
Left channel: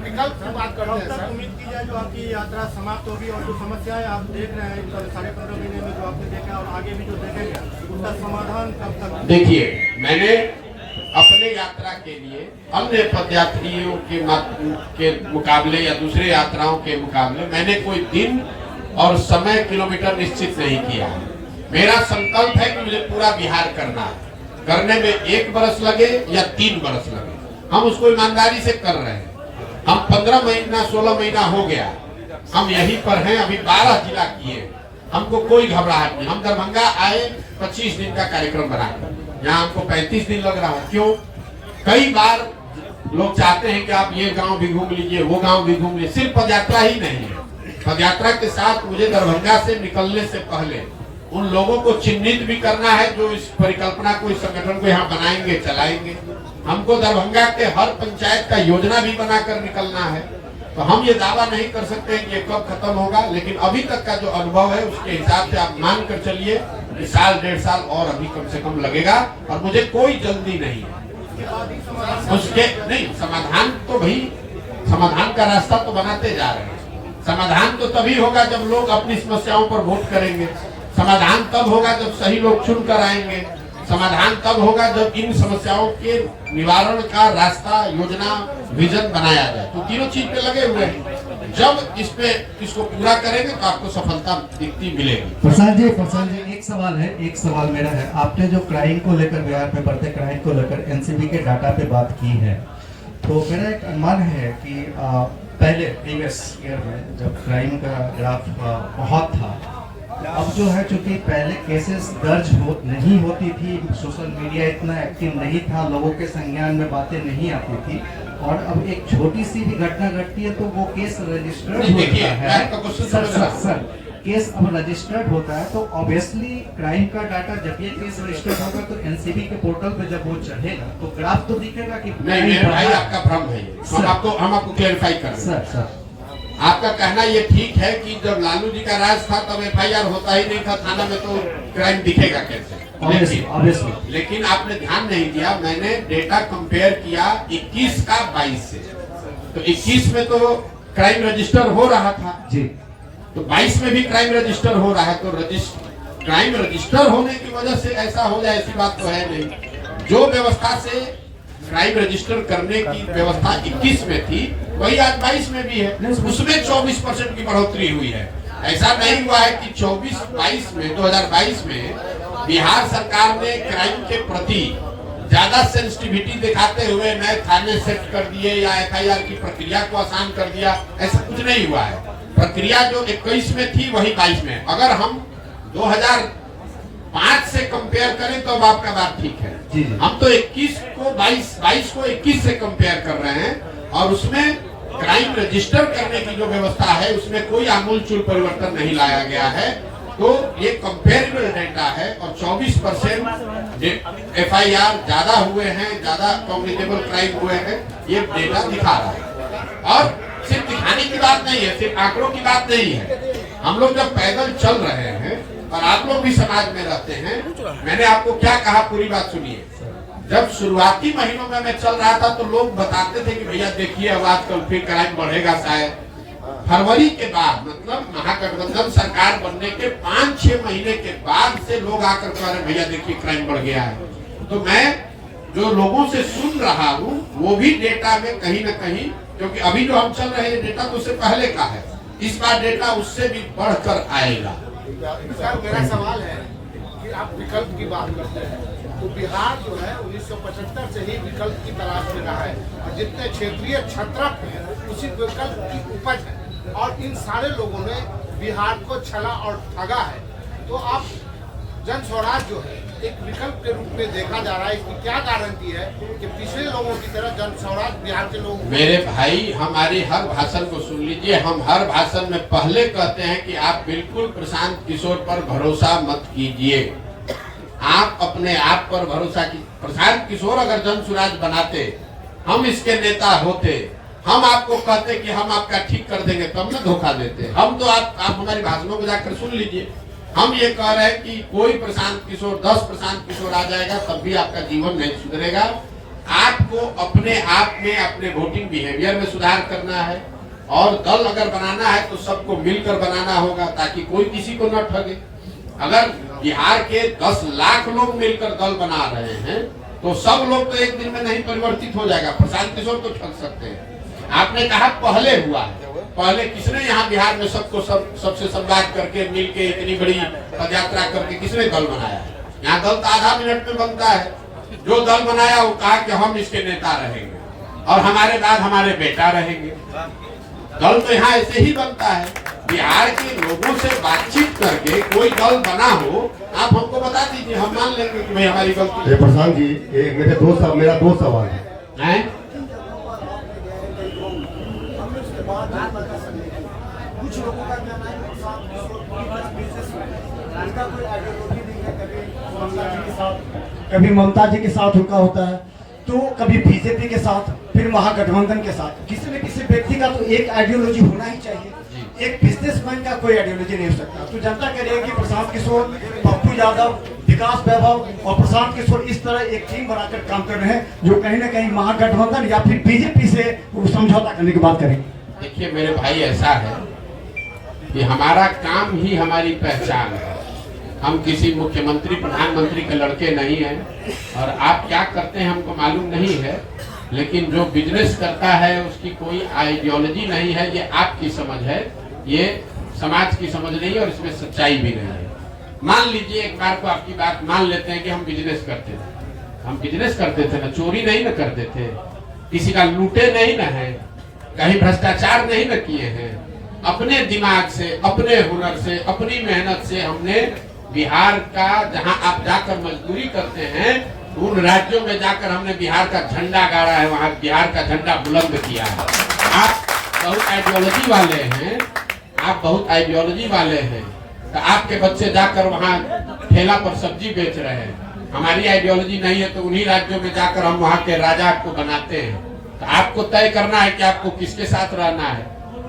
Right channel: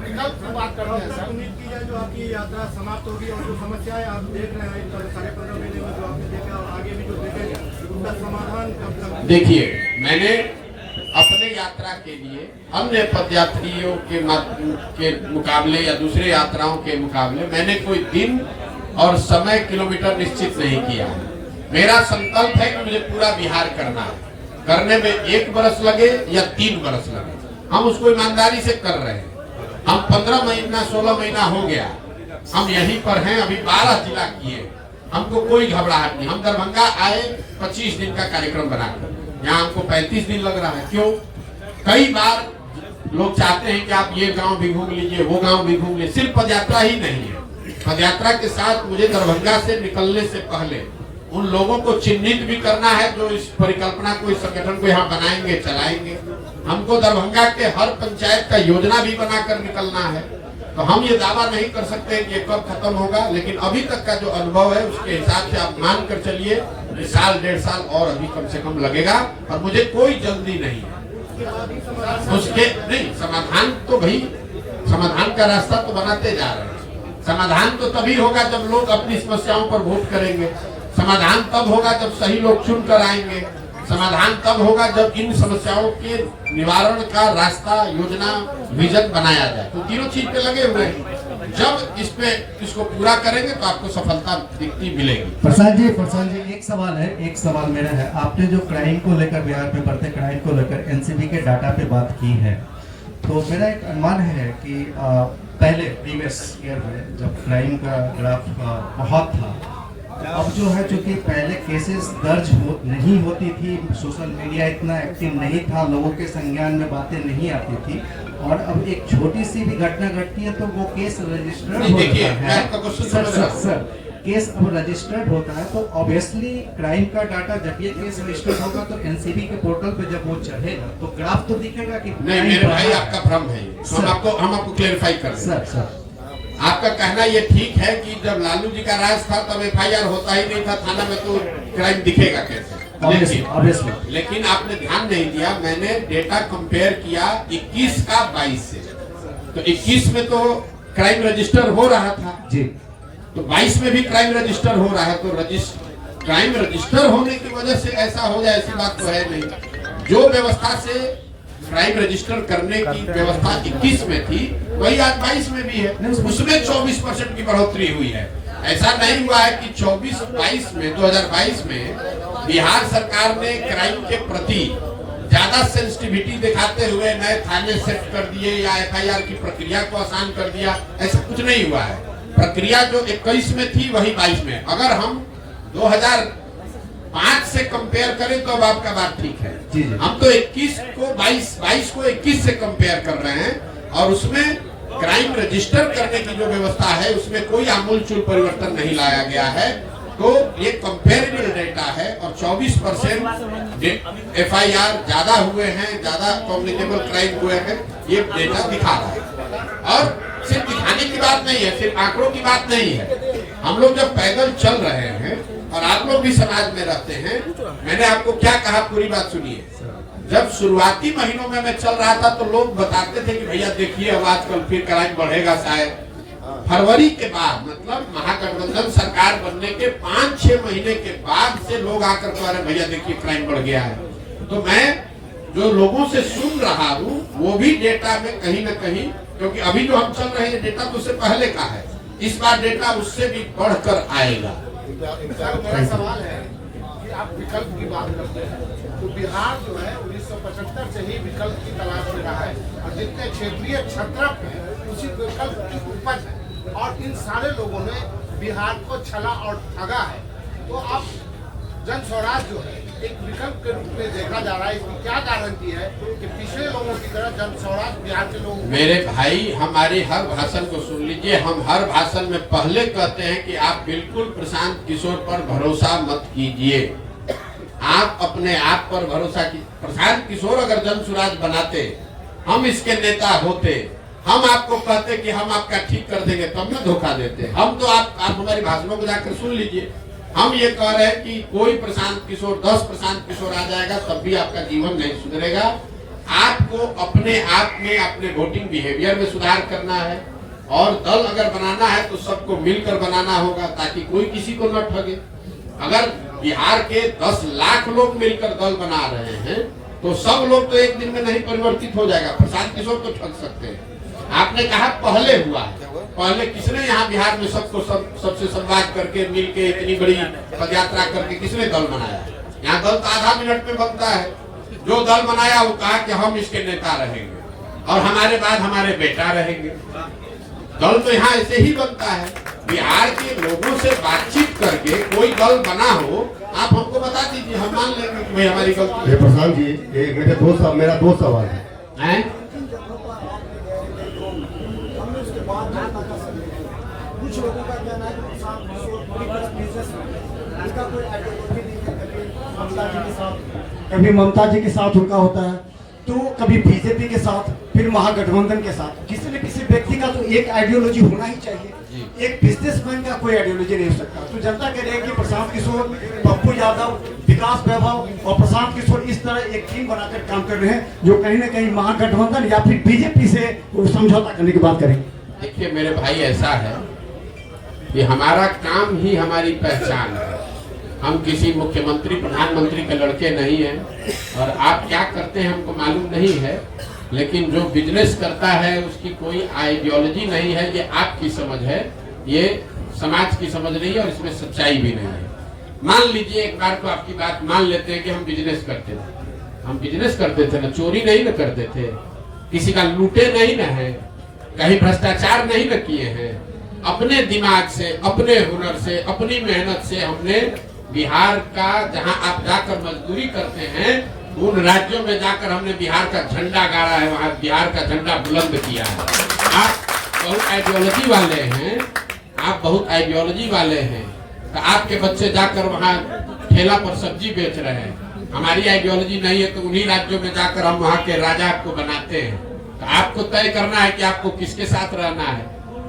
विकल्प की बात करते हैं सर। उम्मीद की जाए जो आपकी यात्रा समाप्त होगी और जो समस्याएं आप देख रहे हैं 15.5 महीने में जो आपने देखा और आगे भी जो देखेंगे उसका समाधान कब तक? देखिए, मैंने अपने यात्रा के लिए अन्य पदयात्रियों के मुकाबले या दूसरे यात्राओं के मुकाबले मैंने कोई दिन और समय किलोमीटर निश्चित नहीं किया। मेरा संकल्प है कि मुझे पूरा बिहार करना है। करने में 1 बरस लगे या 3 बरस लगे, हम उसको ईमानदारी से कर रहे हैं। हम 15 महीना 16 महीना हो गया हम यहीं पर हैं। अभी 12 जिला किए, हमको कोई घबराहट नहीं। हम दरभंगा आए 25 दिन का कार्यक्रम बनाकर, यहाँ हमको 35 दिन लग रहा है। क्यों? कई बार लोग चाहते हैं कि आप ये गांव भी घूम लीजिए, वो गांव भी घूम लीजिए। सिर्फ पदयात्रा ही नहीं है, पदयात्रा के साथ मुझे दरभंगा से निकलने से पहले उन लोगों को चिन्हित भी करना है जो इस परिकल्पना को, इस संगठन को यहाँ बनाएंगे, चलाएंगे। हमको दरभंगा के हर पंचायत का योजना भी बनाकर निकलना है। तो हम ये दावा नहीं कर सकते कि ये कब खत्म होगा, लेकिन अभी तक का जो अनुभव है उसके हिसाब से आप मान कर चलिए कि 1.5 साल और अभी कम से कम लगेगा, और मुझे कोई जल्दी नहीं है। उसके नहीं समाधान तो भाई, समाधान का रास्ता तो बनाते जा रहे हैं। समाधान तो तभी होगा जब लोग अपनी समस्याओं पर वोट करेंगे। समाधान तब होगा जब सही लोग चुन कर आएंगे। समाधान तब होगा जब इन समस्याओं के निवारण का रास्ता, योजना, विजन बनाया जाए। तो तीनों चीज पे लगे हुए हैं। जब इसको पूरा करेंगे तो आपको सफलता दिखती मिलेगी। प्रसाद जी एक सवाल मेरा है। आपने जो क्राइम को लेकर, बिहार में बढ़ते क्राइम को लेकर एनसीबी के डाटा पे बात की है, तो मेरा एक अनुमान है कि पहले प्रीवियस ईयर में जब क्राइम का ग्राफ बहुत था, अब जो है चूंकि पहले केसेस दर्ज नहीं होती थी, सोशल मीडिया इतना एक्टिव नहीं था, लोगों के संज्ञान में बातें नहीं आती थी, और अब एक छोटी सी भी घटना घटती है तो वो केस रजिस्टर्ड होता है। सर केस अब रजिस्टर्ड होता है तो ऑब्वियसली क्राइम का डाटा जब ये केस रजिस्टर्ड होगा तो एनसीबी के पोर्टल पे जब वो चढ़ेगा तो ग्राफ तो दिखेगा कि नहीं। मेरे भाई आपका भ्रम है, हम आपको क्लेरिफाई कर रहे हैं। सर आपका कहना ये ठीक है कि जब लालू जी का राज था तब एफआईआर होता ही नहीं था थाना में, तो क्राइम दिखेगा कैसे? लेकिन आपने ध्यान नहीं दिया, मैंने डेटा कंपेयर किया 21 का 22 से। तो 21 में तो क्राइम रजिस्टर हो रहा था जी, तो 22 में भी क्राइम रजिस्टर हो रहा है। तो क्राइम रजिस्टर होने की वजह से ऐसा हो जाए ऐसी बात तो है नहीं। जो व्यवस्था से क्राइम रजिस्टर करने की व्यवस्था 21 में थी वही आज 22 में भी है। उसमें 24% की बढ़ोतरी हुई है। ऐसा नहीं हुआ है कि 2022 में बिहार सरकार ने क्राइम के प्रति ज्यादा सेंसिटिविटी दिखाते हुए नए थाने सेट कर दिए या एफआईआर की प्रक्रिया को आसान कर दिया, ऐसा कुछ नहीं हुआ है। प्रक्रिया जो 21 में थी वही 22 में। अगर हम 2005 से कंपेयर करें तो अब आपका बात ठीक है। हम तो 21 को 22 को 21 से कंपेयर कर रहे हैं, और उसमें क्राइम रजिस्टर करने की जो व्यवस्था है उसमें कोई आमूलचूल परिवर्तन नहीं लाया गया है। तो ये कंपेरेबल डेटा है और 24% FIR ज्यादा हुए हैं, ज्यादा कॉग्निटिबल क्राइम हुए हैं, ये डेटा दिखा रहा है। और सिर्फ दिखाने की बात नहीं है, सिर्फ आंकड़ों की बात नहीं है। हम लोग जब पैदल चल रहे हैं और आप लोग भी समाज में रहते हैं, मैंने आपको क्या कहा पूरी बात सुनिए। जब शुरुआती महीनों में मैं चल रहा था तो लोग बताते थे कि भैया देखिए अब आजकल फिर क्राइम बढ़ेगा शायद। फरवरी के बाद मतलब महागठबंधन सरकार बनने के 5-6 महीने के बाद से लोग आकर कह रहे भैया देखिए क्राइम बढ़ गया है। तो मैं जो लोगों से सुन रहा हूँ वो भी डेटा में कहीं न कहीं, क्योंकि अभी जो हम चल रहे हैं डेटा तो उससे पहले का है, इस बार डेटा उससे भी बढ़कर आएगा। सर मेरा सवाल है कि आप विकल्प की बात करते हैं तो बिहार जो है 1975 से ही विकल्प की तलाश में रहा है और जितने क्षेत्रीय क्षत्रप है उसी विकल्प की उपज है और इन सारे लोगों ने बिहार को छला और ठगा है। तो आप जन स्वराज जो है एक विकल्प के रूप में देखा जा रहा है, इसकी क्या गारंटी है कि पिछले लोगों की तरह जन स्वराज बिहार के लोगों? मेरे भाई हमारे हर भाषण को सुन लीजिए, हम हर भाषण में पहले कहते हैं कि आप बिल्कुल प्रशांत किशोर पर भरोसा मत कीजिए, आप अपने आप पर भरोसा की। प्रशांत किशोर अगर जन स्वराज बनाते, हम इसके नेता होते, हम आपको कहते कि हम आपका ठीक कर देंगे, तब न धोखा देते। हम तो आप हमारी भाषणों को जाकर सुन लीजिए, हम ये कह रहे हैं कि कोई प्रशांत किशोर 10 प्रशांत किशोर आ जाएगा तब भी आपका जीवन नहीं सुधरेगा। आपको अपने आप में अपने वोटिंग बिहेवियर में सुधार करना है और दल अगर बनाना है तो सबको मिलकर बनाना होगा ताकि कोई किसी को न ठगे। अगर बिहार के 10 लाख लोग मिलकर दल बना रहे हैं तो सब लोग तो एक दिन में नहीं परिवर्तित हो जाएगा। प्रशांत किशोर तो ठग सकते हैं। आपने कहा पहले हुआ है, पहले किसने यहाँ बिहार में सबको सबसे संवाद करके मिलके इतनी बड़ी पदयात्रा करके किसने दल बनाया? यहाँ दल तो आधा मिनट में बनता है। जो दल बनाया वो कहा कि हम इसके नेता रहेंगे और हमारे बाद हमारे बेटा रहेंगे। दल तो यहाँ ऐसे ही बनता है। बिहार के लोगों से बातचीत करके कोई दल बना हो, आप हमको बता दीजिए, हम मान लेंगे कि भाई हमारी गलती है। प्रशांत जी मेरा दो सवाल है। कुछ लोगों का कहना है कभी ममता जी के साथ उनका होता है तो कभी बीजेपी के साथ, फिर महागठबंधन के साथ। किसी न किसी व्यक्ति का तो एक आइडियोलॉजी होना ही चाहिए, एक बिजनेसमैन का कोई आइडियोलॉजी नहीं हो सकता। तो जनता कह रही है कि प्रशांत किशोर, पप्पू यादव, विकास वैभव और प्रशांत किशोर इस तरह एक टीम बनाकर काम कर रहे हैं जो कहीं ना कहीं महागठबंधन या फिर बीजेपी से समझौता करने की बात करेंगे। देखिए मेरे भाई, ऐसा है कि हमारा काम ही हमारी पहचान है। हम किसी मुख्यमंत्री प्रधानमंत्री के लड़के नहीं हैं और आप क्या करते हैं हमको मालूम नहीं है, लेकिन जो बिजनेस करता है उसकी कोई आइडियोलॉजी नहीं है। ये आपकी समझ है, ये समाज की समझ नहीं है और इसमें सच्चाई भी नहीं है। मान लीजिए एक बार तो आपकी बात मान लेते हैं कि हम बिजनेस करते थे। हम बिजनेस करते थे ना, चोरी नहीं ना करते थे, किसी का लूटे नहीं ना है, कहीं भ्रष्टाचार नहीं न किए हैं। अपने दिमाग से, अपने हुनर से, अपनी मेहनत से हमने बिहार का, जहां आप जाकर मजदूरी करते हैं उन राज्यों में जाकर हमने बिहार का झंडा गाड़ा है, वहां बिहार का झंडा बुलंद किया है। आप बहुत आइडियोलॉजी वाले हैं, आप बहुत आइडियोलॉजी वाले हैं, तो आपके बच्चे जाकर वहां ठेला पर सब्जी बेच रहे हैं। हमारी आइडियोलॉजी नहीं है तो उन्हीं राज्यों में जाकर हम वहां के राजा को बनाते हैं। तो आपको तय करना है कि आपको किसके साथ रहना है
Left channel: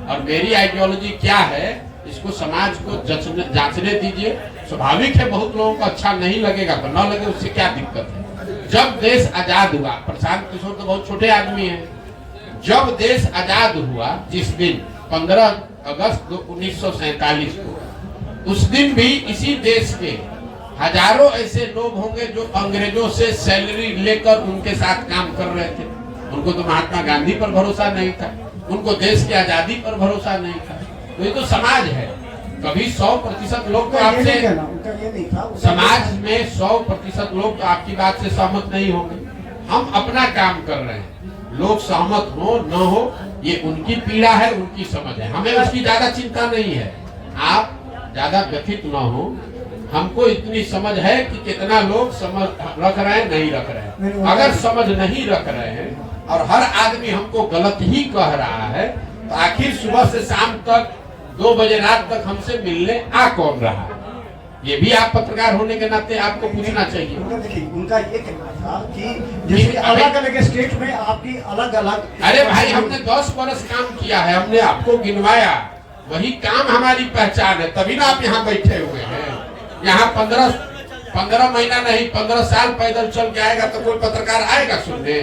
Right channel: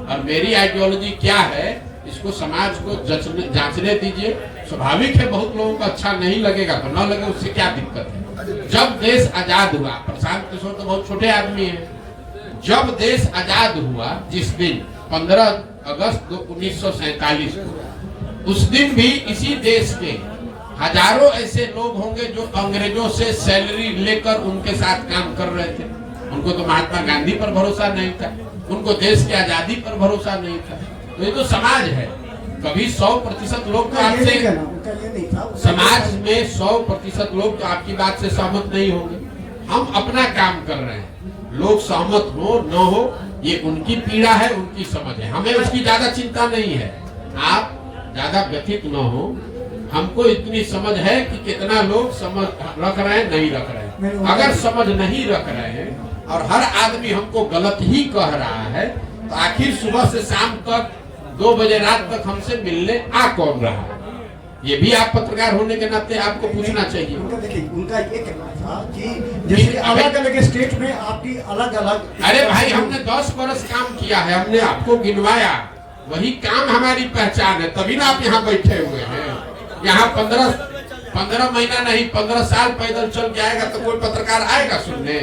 और मेरी आइडियोलॉजी क्या है, इसको समाज को जांचने दीजिए। स्वाभाविक है बहुत लोगों को अच्छा नहीं लगेगा तो न लगे, उससे क्या दिक्कत है। जब देश आजाद हुआ, प्रशांत किशोर तो बहुत छोटे आदमी हैं, जब देश आजाद हुआ जिस दिन 15 अगस्त 1947 को, उस दिन भी इसी देश के हजारों ऐसे लोग होंगे जो अंग्रेजों से सैलरी लेकर उनके साथ काम कर रहे थे। उनको तो महात्मा गांधी पर भरोसा नहीं था, उनको देश की आजादी पर भरोसा नहीं था। तो ये तो समाज है। कभी 100% लोग तो आपसे, समाज में 100% लोग तो आपकी बात से सहमत नहीं होंगे। हम अपना काम कर रहे हैं, लोग सहमत हो न हो ये उनकी पीड़ा है, उनकी समझ है, हमें उसकी ज्यादा चिंता नहीं है। आप ज्यादा व्यथित न हो, हमको इतनी समझ है कि कितना लोग समझ रख रहे हैं, नहीं रख रहे हैं। अगर समझ नहीं रख रहे हैं और हर आदमी हमको गलत ही कह रहा है तो आखिर सुबह से शाम तक 2 बजे रात तक हमसे मिलने आ कौन रहा? ये भी आप पत्रकार होने के नाते आपको पूछना चाहिए। उनका देखिए, उनका ये कहना था कि जैसे अलग अलग स्टेट में आपकी अलग अलग। अरे भाई, हमने 10 बरस काम किया है, हमने आपको गिनवाया, वही काम हमारी पहचान है, तभी ना आप यहाँ बैठे हुए हैं। यहाँ 15 महीना नहीं 15 साल पैदल चल के आएगा तो कोई पत्रकार आएगा सुनने?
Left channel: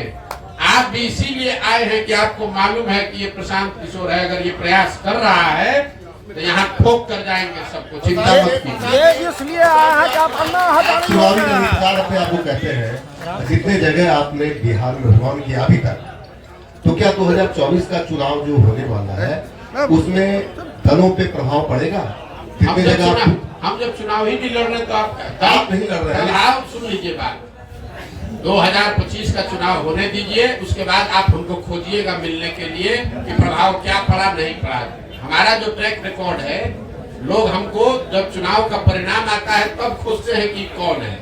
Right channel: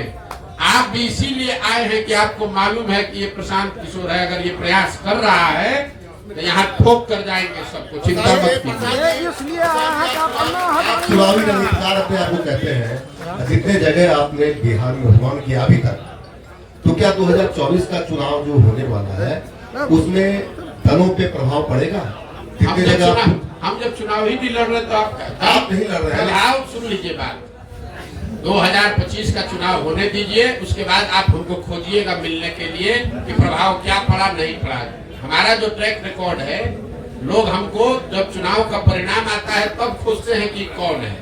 आप भी इसीलिए आए हैं कि आपको मालूम है कि ये प्रशांत किशोर है, अगर ये प्रयास कर रहा है तो यहाँ ठोक कर जाएंगे सबको, चिंता मत कीजिए। चुनावी रणनीतिकार अपने आपको कहते हैं, जितने जगह आपने बिहार में भ्रमण किया अभी तक, तो क्या 2024 का चुनाव जो होने वाला है उसमें दलों पे प्रभाव पड़ेगा? कितने जगह हम जब चुनाव ही नहीं लड़ रहे तो आप नहीं लड़ रहे हैं। आप सुन लीजिए बात, 2025 का चुनाव होने दीजिए, उसके बाद आप उनको खोजिएगा मिलने के लिए कि प्रभाव क्या पड़ा नहीं पड़ा। हमारा जो ट्रैक रिकॉर्ड है, लोग हमको जब चुनाव का परिणाम आता है तब खोजते हैं कि कौन है।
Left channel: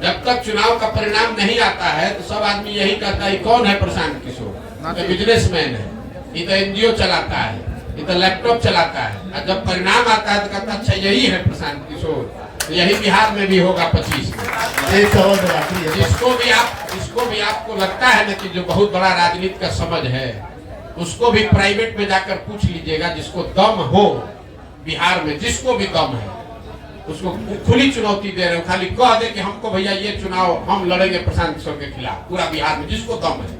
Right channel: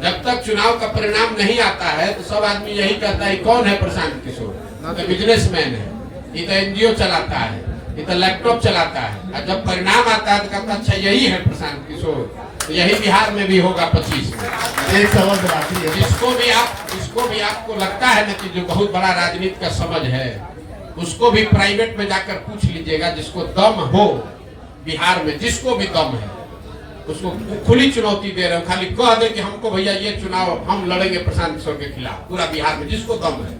जब तक चुनाव का परिणाम नहीं आता है तो सब आदमी यही कहता है कौन है प्रशांत किशोर, ये बिजनेसमैन है, ये तो एनजीओ चलाता है, ये तो लैपटॉप चलाता है। और जब परिणाम आता है तो कहता अच्छा यही है प्रशांत किशोर। तो यही बिहार में भी होगा 25 में। एक सवाल मेरा आखिरी है, जिसको भी आपको लगता है ना कि जो बहुत बड़ा राजनीति का समझ है, उसको भी प्राइवेट में जाकर पूछ लीजिएगा, जिसको दम हो बिहार में, जिसको भी दम है, उसको खुली चुनौती दे रहे हो, खाली कह दे कि हमको भैया ये चुनाव हम लड़ेंगे प्रशांत किशोर के खिलाफ, पूरा बिहार में जिसको दम है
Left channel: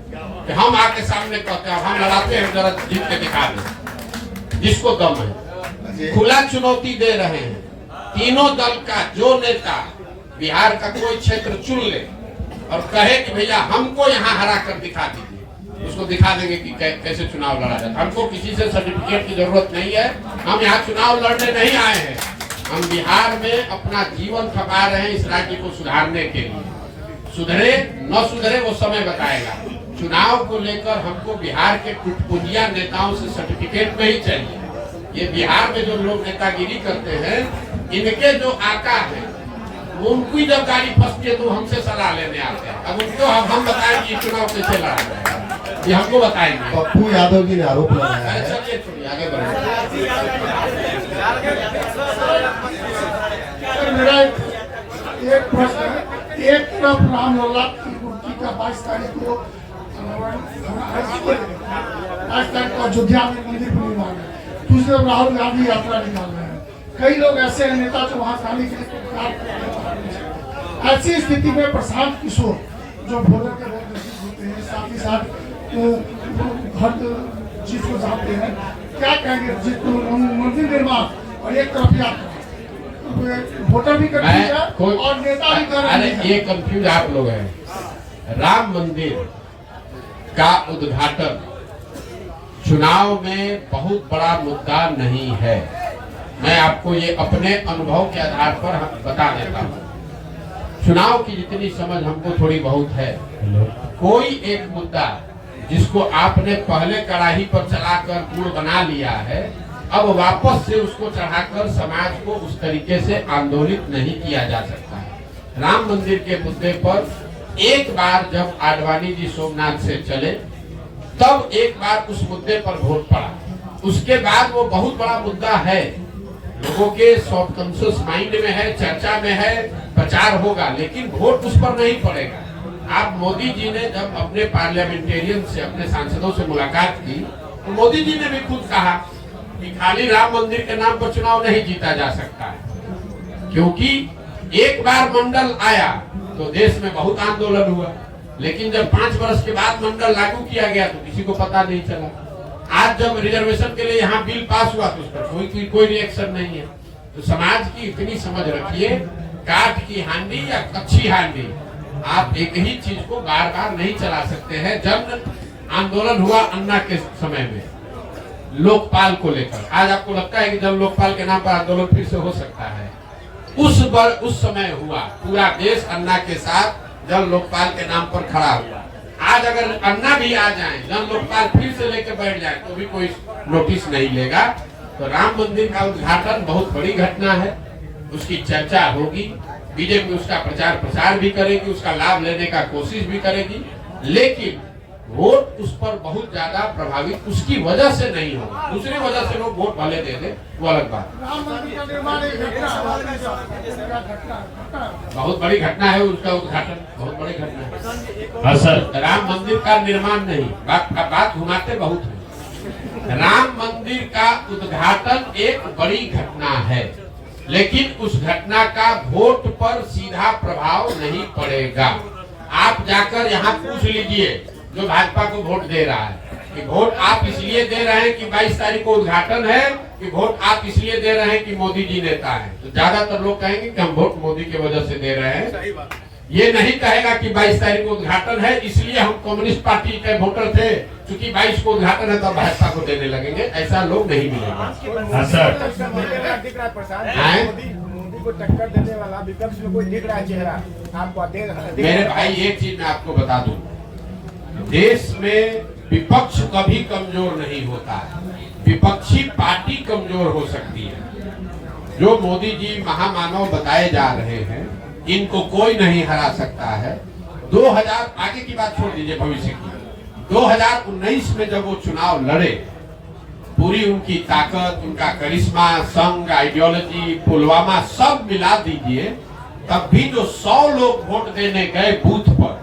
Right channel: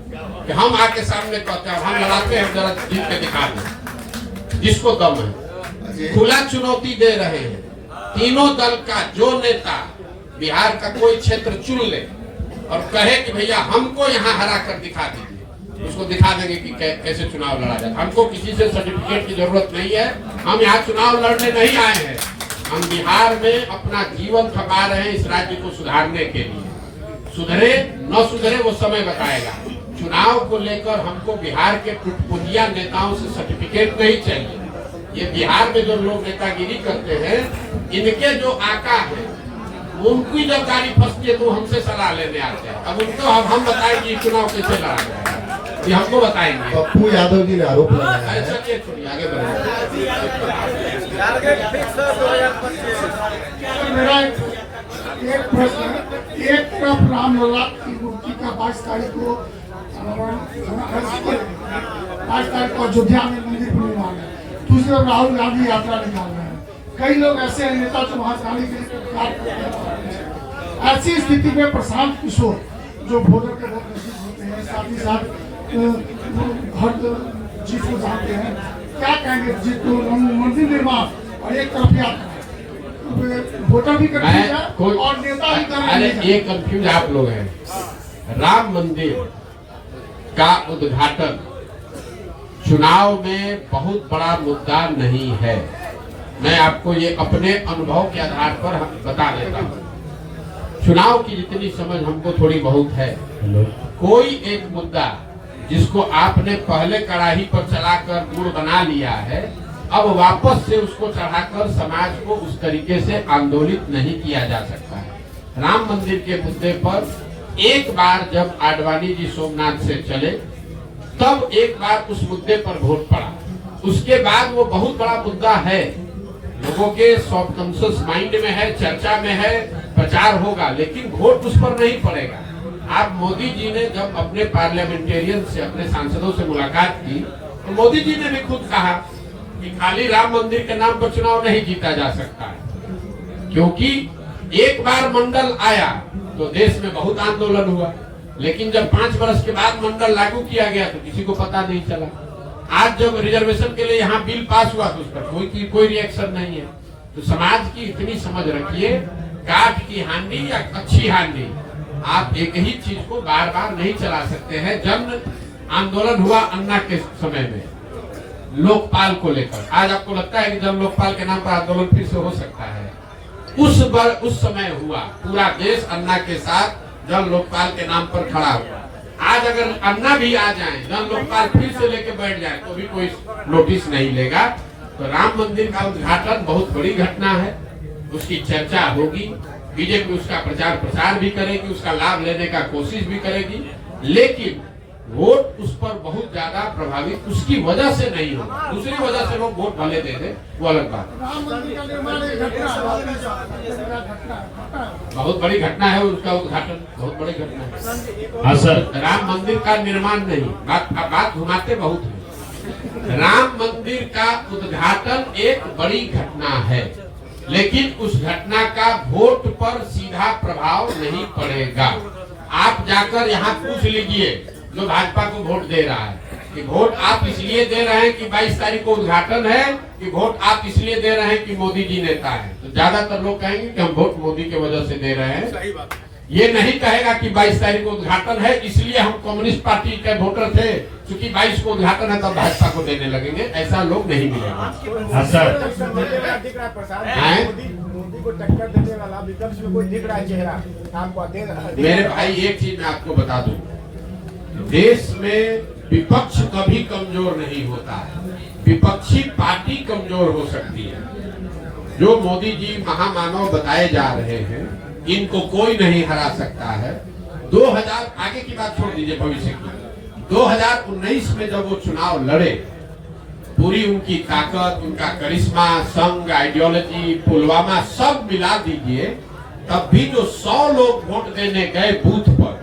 कि हम आके सामने कहते हैं हम लड़ाते हैं, जरा जीत के दिखा दें, जिसको दम है। खुला चुनौती दे रहे हैं तीनों दल का जो नेता बिहार का कोई क्षेत्र चुन ले और कहे कि भैया हमको यहाँ हरा कर दिखा दीजिए, उसको दिखा देंगे कि कैसे चुनाव लड़ा जाए। हमको किसी से सर्टिफिकेट की जरूरत नहीं है, हम यहाँ चुनाव लड़ने नहीं आए हैं, हम बिहार में अपना जीवन थका रहे हैं इस राज्य को सुधारने के लिए। सुधरे न सुधरे वो समय बताएगा। चुनाव को लेकर हमको बिहार के टुटपुंजिया नेताओं से सर्टिफिकेट नहीं चाहिए। ये बिहार में जो लोग नेतागिरी करते हैं, इनके जो आका है उनकी जब गाड़ी फंसती है तो हमसे सलाह लेने आते हैं। अब उनको हम बताएंगे चुनाव कैसे लड़ा जाएगा, ये हमको बताएंगे। पप्पू यादव जी ने आरोप लगाया है। चलिए छोड़िए, आगे बढ़िए। मेरा एक प्रश्न, एक तरफ रामलला की मूर्ति का 22 तारीख को 22 तारीख को अयोध्या में मंदिर पूर्णिमा है, दूसरे राहुल गांधी यात्रा निकाल रहे हैं। कई लोग ऐसे हैं नेता जो वहां जाने के लिए प्रतिकार करते हैं। ऐसी स्थिति में प्रशांत किशोर जो भोजन के बहुत नजदीक होते हैं, साथ ही साथ हर चीज को जानते हैं, क्या कहेंगे जिसको मंदिर निर्माण और एक तरफ यात्रा, वोटर भी कर और नेता भी कर। अरे ये कंफ्यूज आप लोग हैं। राम मंदिर का उद्घाटन चुनाव में बहुत बड़ा मुद्दा नहीं है। मैं आपको ये अपने अनुभव के आधार पर बता देता हूँ। चुनाव की जितनी समझ हमको थोड़ी बहुत है, कोई एक मुद्दा जिसको आपने पहले कड़ाही पर चलाकर गुड़ बना लिया है, अब वापस से उसको चढ़ाकर समाज को उस तरीके से आंदोलित नहीं किया जा सकता है। राम मंदिर के मुद्दे पर एक बार जब आडवाणी जी सोमनाथ से चले, तब एक बार उस मुद्दे पर वोट पड़ा। उसके बाद वो बहुत बड़ा मुद्दा है, लोगों के सबकॉन्शियस माइंड में है, चर्चा में है, प्रचार होगा, लेकिन वोट उस पर नहीं पड़ेगा। आप मोदी जी ने जब अपने पार्लियामेंटेरियन से, अपने सांसदों से मुलाकात की, तो मोदी जी ने भी खुद कहा कि खाली राम मंदिर के नाम पर चुनाव नहीं जीता जा सकता है, क्योंकि एक बार मंडल आया तो देश में बहुत आंदोलन हुआ, लेकिन जब 5 वर्ष के बाद मंडल लागू किया गया तो किसी को पता नहीं चला। आज जब रिजर्वेशन के लिए यहाँ बिल पास हुआ तो उस पर कोई रिएक्शन नहीं है। तो समाज की इतनी समझ रखिए, काठ की हांडी या कच्ची हांडी, आप एक ही चीज को बार बार नहीं चला सकते हैं। जन आंदोलन हुआ अन्ना के समय में लोकपाल को लेकर, आज आपको लगता है कि जन लोकपाल के नाम पर आंदोलन फिर से हो सकता है? उस समय हुआ, पूरा देश अन्ना के साथ जन लोकपाल के नाम पर खड़ा हुआ। आज अगर अन्ना भी आ जाए, जन लोकपाल फिर से लेके बैठ जाए तो भी कोई नोटिस नहीं लेगा। तो राम मंदिर का उद्घाटन बहुत बड़ी घटना है, उसकी चर्चा होगी, बीजेपी उसका प्रचार प्रसार भी करेगी, उसका लाभ लेने का कोशिश भी करेगी, लेकिन वोट उस पर बहुत ज्यादा प्रभावित उसकी वजह से नहीं हो, दूसरी वजह से लोग वोट भले दे दे, वो अलग बात है। राम मंदिर का निर्माण एक घटना है। बहुत बड़ी घटना है, उसका उद्घाटन बहुत बड़ी घटना है। हाँ सर, राम मंदिर का निर्माण नहीं, बात घुमाते बहुत है। राम मंदिर का उद्घाटन एक बड़ी घटना है, लेकिन उस घटना का वोट पर सीधा प्रभाव नहीं पड़ेगा। आप जाकर यहाँ पूछ लीजिए जो भाजपा को वोट दे रहा है कि वोट आप इसलिए दे रहे हैं कि 22 तारीख को उद्घाटन है, कि वोट आप इसलिए दे रहे हैं कि मोदी जी नेता है। तो ज्यादातर लोग कहेंगे कि हम वोट मोदी की वजह से दे रहे हैं। ये नहीं कहेगा कि 22 तारीख को उद्घाटन है इसलिए हम कम्युनिस्ट पार्टी के वोटर थे, क्योंकि 22 को उद्घाटन है तो भाजपा को देने लगेंगे। ऐसा लोग नहीं मिलेगा। हाँ सर, दिख रहा है प्रशांत, मोदी को टक्कर देने वाला विपक्ष में कोई दिख रहा है चेहरा आपको? मेरे भाई एक चीज मैं आपको बता दूं, देश में विपक्ष कभी कमजोर नहीं होता है, विपक्षी पार्टी कमजोर हो सकती है। जो मोदी जी महामानव बताए जा रहे हैं, इनको कोई नहीं हरा सकता है। 2000 आगे की बात छोड़ दीजिए, भविष्य की 2019 में जब वो चुनाव लड़े, पूरी उनकी ताकत, उनका करिश्मा, संघ, आइडियोलॉजी, पुलवामा सब मिला दीजिए, तब भी जो 100 लोग वोट देने गए बूथ पर,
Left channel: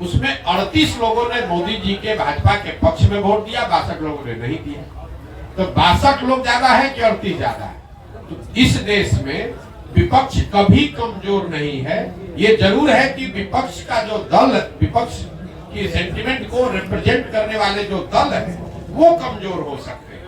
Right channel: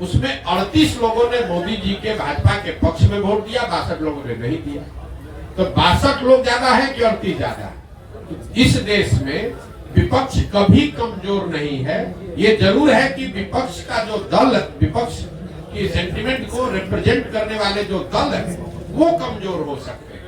उसमें 38 लोगों ने मोदी जी के भाजपा के पक्ष में वोट दिया, 62 लोगों ने नहीं दिया। तो 62 लोग ज्यादा है कि 38 ज्यादा है? तो इस देश में विपक्ष कभी कमजोर नहीं है। ये जरूर है कि विपक्ष का जो दल, विपक्ष की सेंटिमेंट को रिप्रेजेंट करने वाले जो दल है वो कमजोर हो सकते हैं।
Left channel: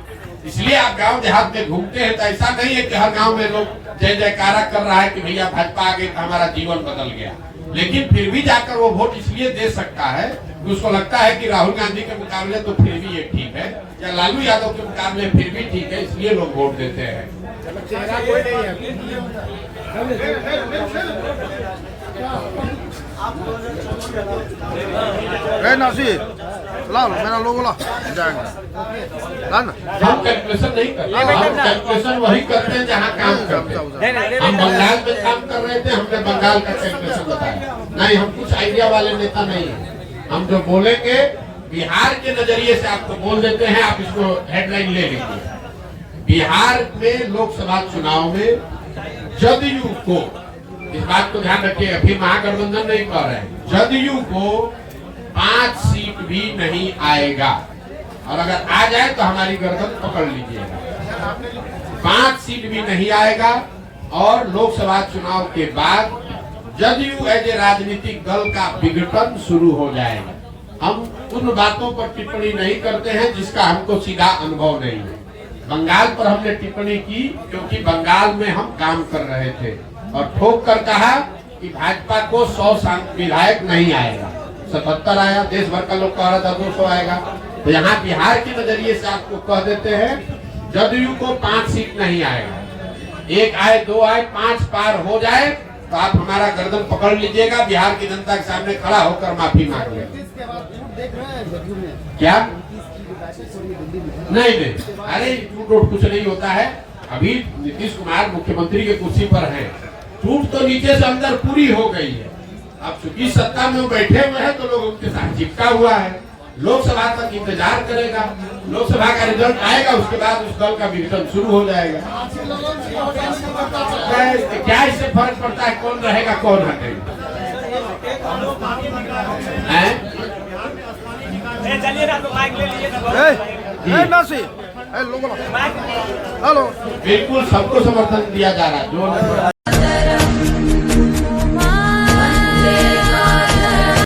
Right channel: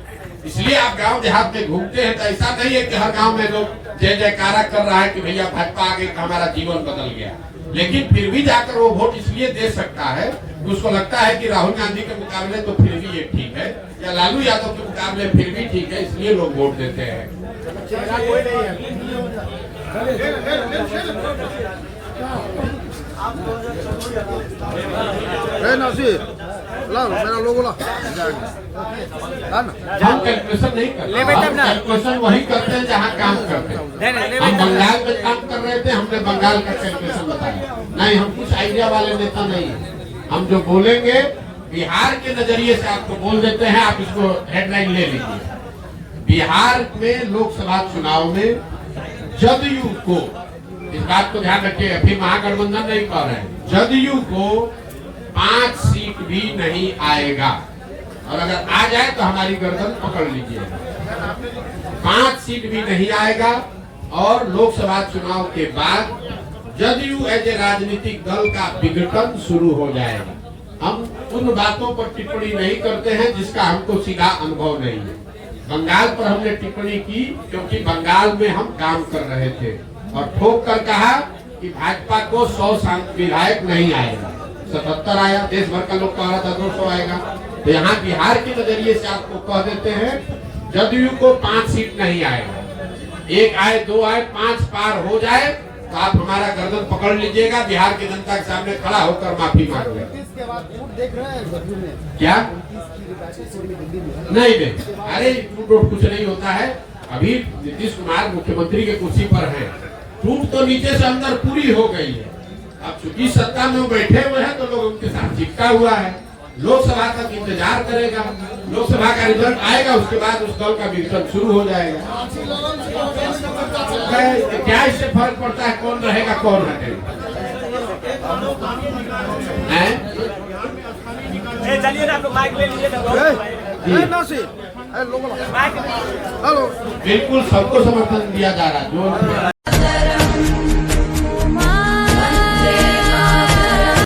इसलिए आप गांव देहात में घूमते हैं तो ऐसा नहीं है कि हर गांव में लोग जय जयकारा कर रहा है कि भैया भाजपा आ गई तो हमारा जीवन बदल गया, लेकिन फिर भी जाकर वो वोट इसलिए दे सकता है कि उसको लगता है कि राहुल गांधी के मुकाबले तो फिर भी ये ठीक है, या लालू यादव के मुकाबले फिर भी ठीक है, इसलिए लोग वोट देते हैं। चेहरा कोई नहीं है। हम कैलकुलेशन नहीं करते, हम कैलकुलेशन वही करते हैं जहाँ काम करते हैं। हम बंगाल में काम कर रहे थे, हमने बंगाल का कैलकुलेशन बताया नहीं, हम कुछ आइडिया वाले नेता नहीं है। हम जो बोलेंगे बिहार के नजरिए से आपको बोल देते हैं, आप इसको हेडलाइन ले लीजिए। बिहार में लोकसभा चुनाव में जदयू को, इस बात को ध्यान रखिए, अभी महागठबंधन नहीं कह रहे हैं, जदयू को 5 सीट भी नहीं आएगा, और अगर आ जाए तो हमारी गर्दन पकड़ लीजिएगा। 5 सीट भी नहीं आएगा, और लोकसभा चुनाव के बाद जदयू एज ए राजनीतिक दल का विघटन शुरू हो जाएगा। हम उन बातों पर टिप्पणी नहीं करते हैं जिसका हमको सीधा अनुभव नहीं है। बंगाल पर हमने टिप्पणी की क्योंकि बंगाल में हम काम कर रहे थे, और ठोक कर कहा कि भाजपा को 100 विधायक नहीं आएगा, 77 आया, देश भर का लोग कह रहा था 200 आएगा। तो यहाँ बिहार के नजरिए से आपको कह देते हैं जदयू को 5 सीट नहीं आएगा, 1 आए 2 आए 5 पार हो जाए तो आप हमारा गर्दन पकड़ लीजिएगा, बिहार की जनता के सामने खड़ा होकर माफी मांगिएगा। क्या नहीं दे? अरे टूट कुछ नहीं होता है। अभी नीतीश कुमार मुख्यमंत्री के कुर्सी पर है, टूट तो नीचे से अंदर पूरी हो गई है। अब चूंकि सत्ता में वो बैठे हुए हैं तो लोग उनके साथ चिपका हुआ है। लोकसभा तक इंतजार करेगा, लोकसभा का रिजल्ट आएगा, उसके बाद उस दल का विघटन शुरू हो जाएगा। क्या इससे फर्क पड़ता है कौन रहेगा कौन हटेगा? चलिए ना, तो माइक ले लीजिए। बिल्कुल सबको समर्थन दिया जा रहा है। जो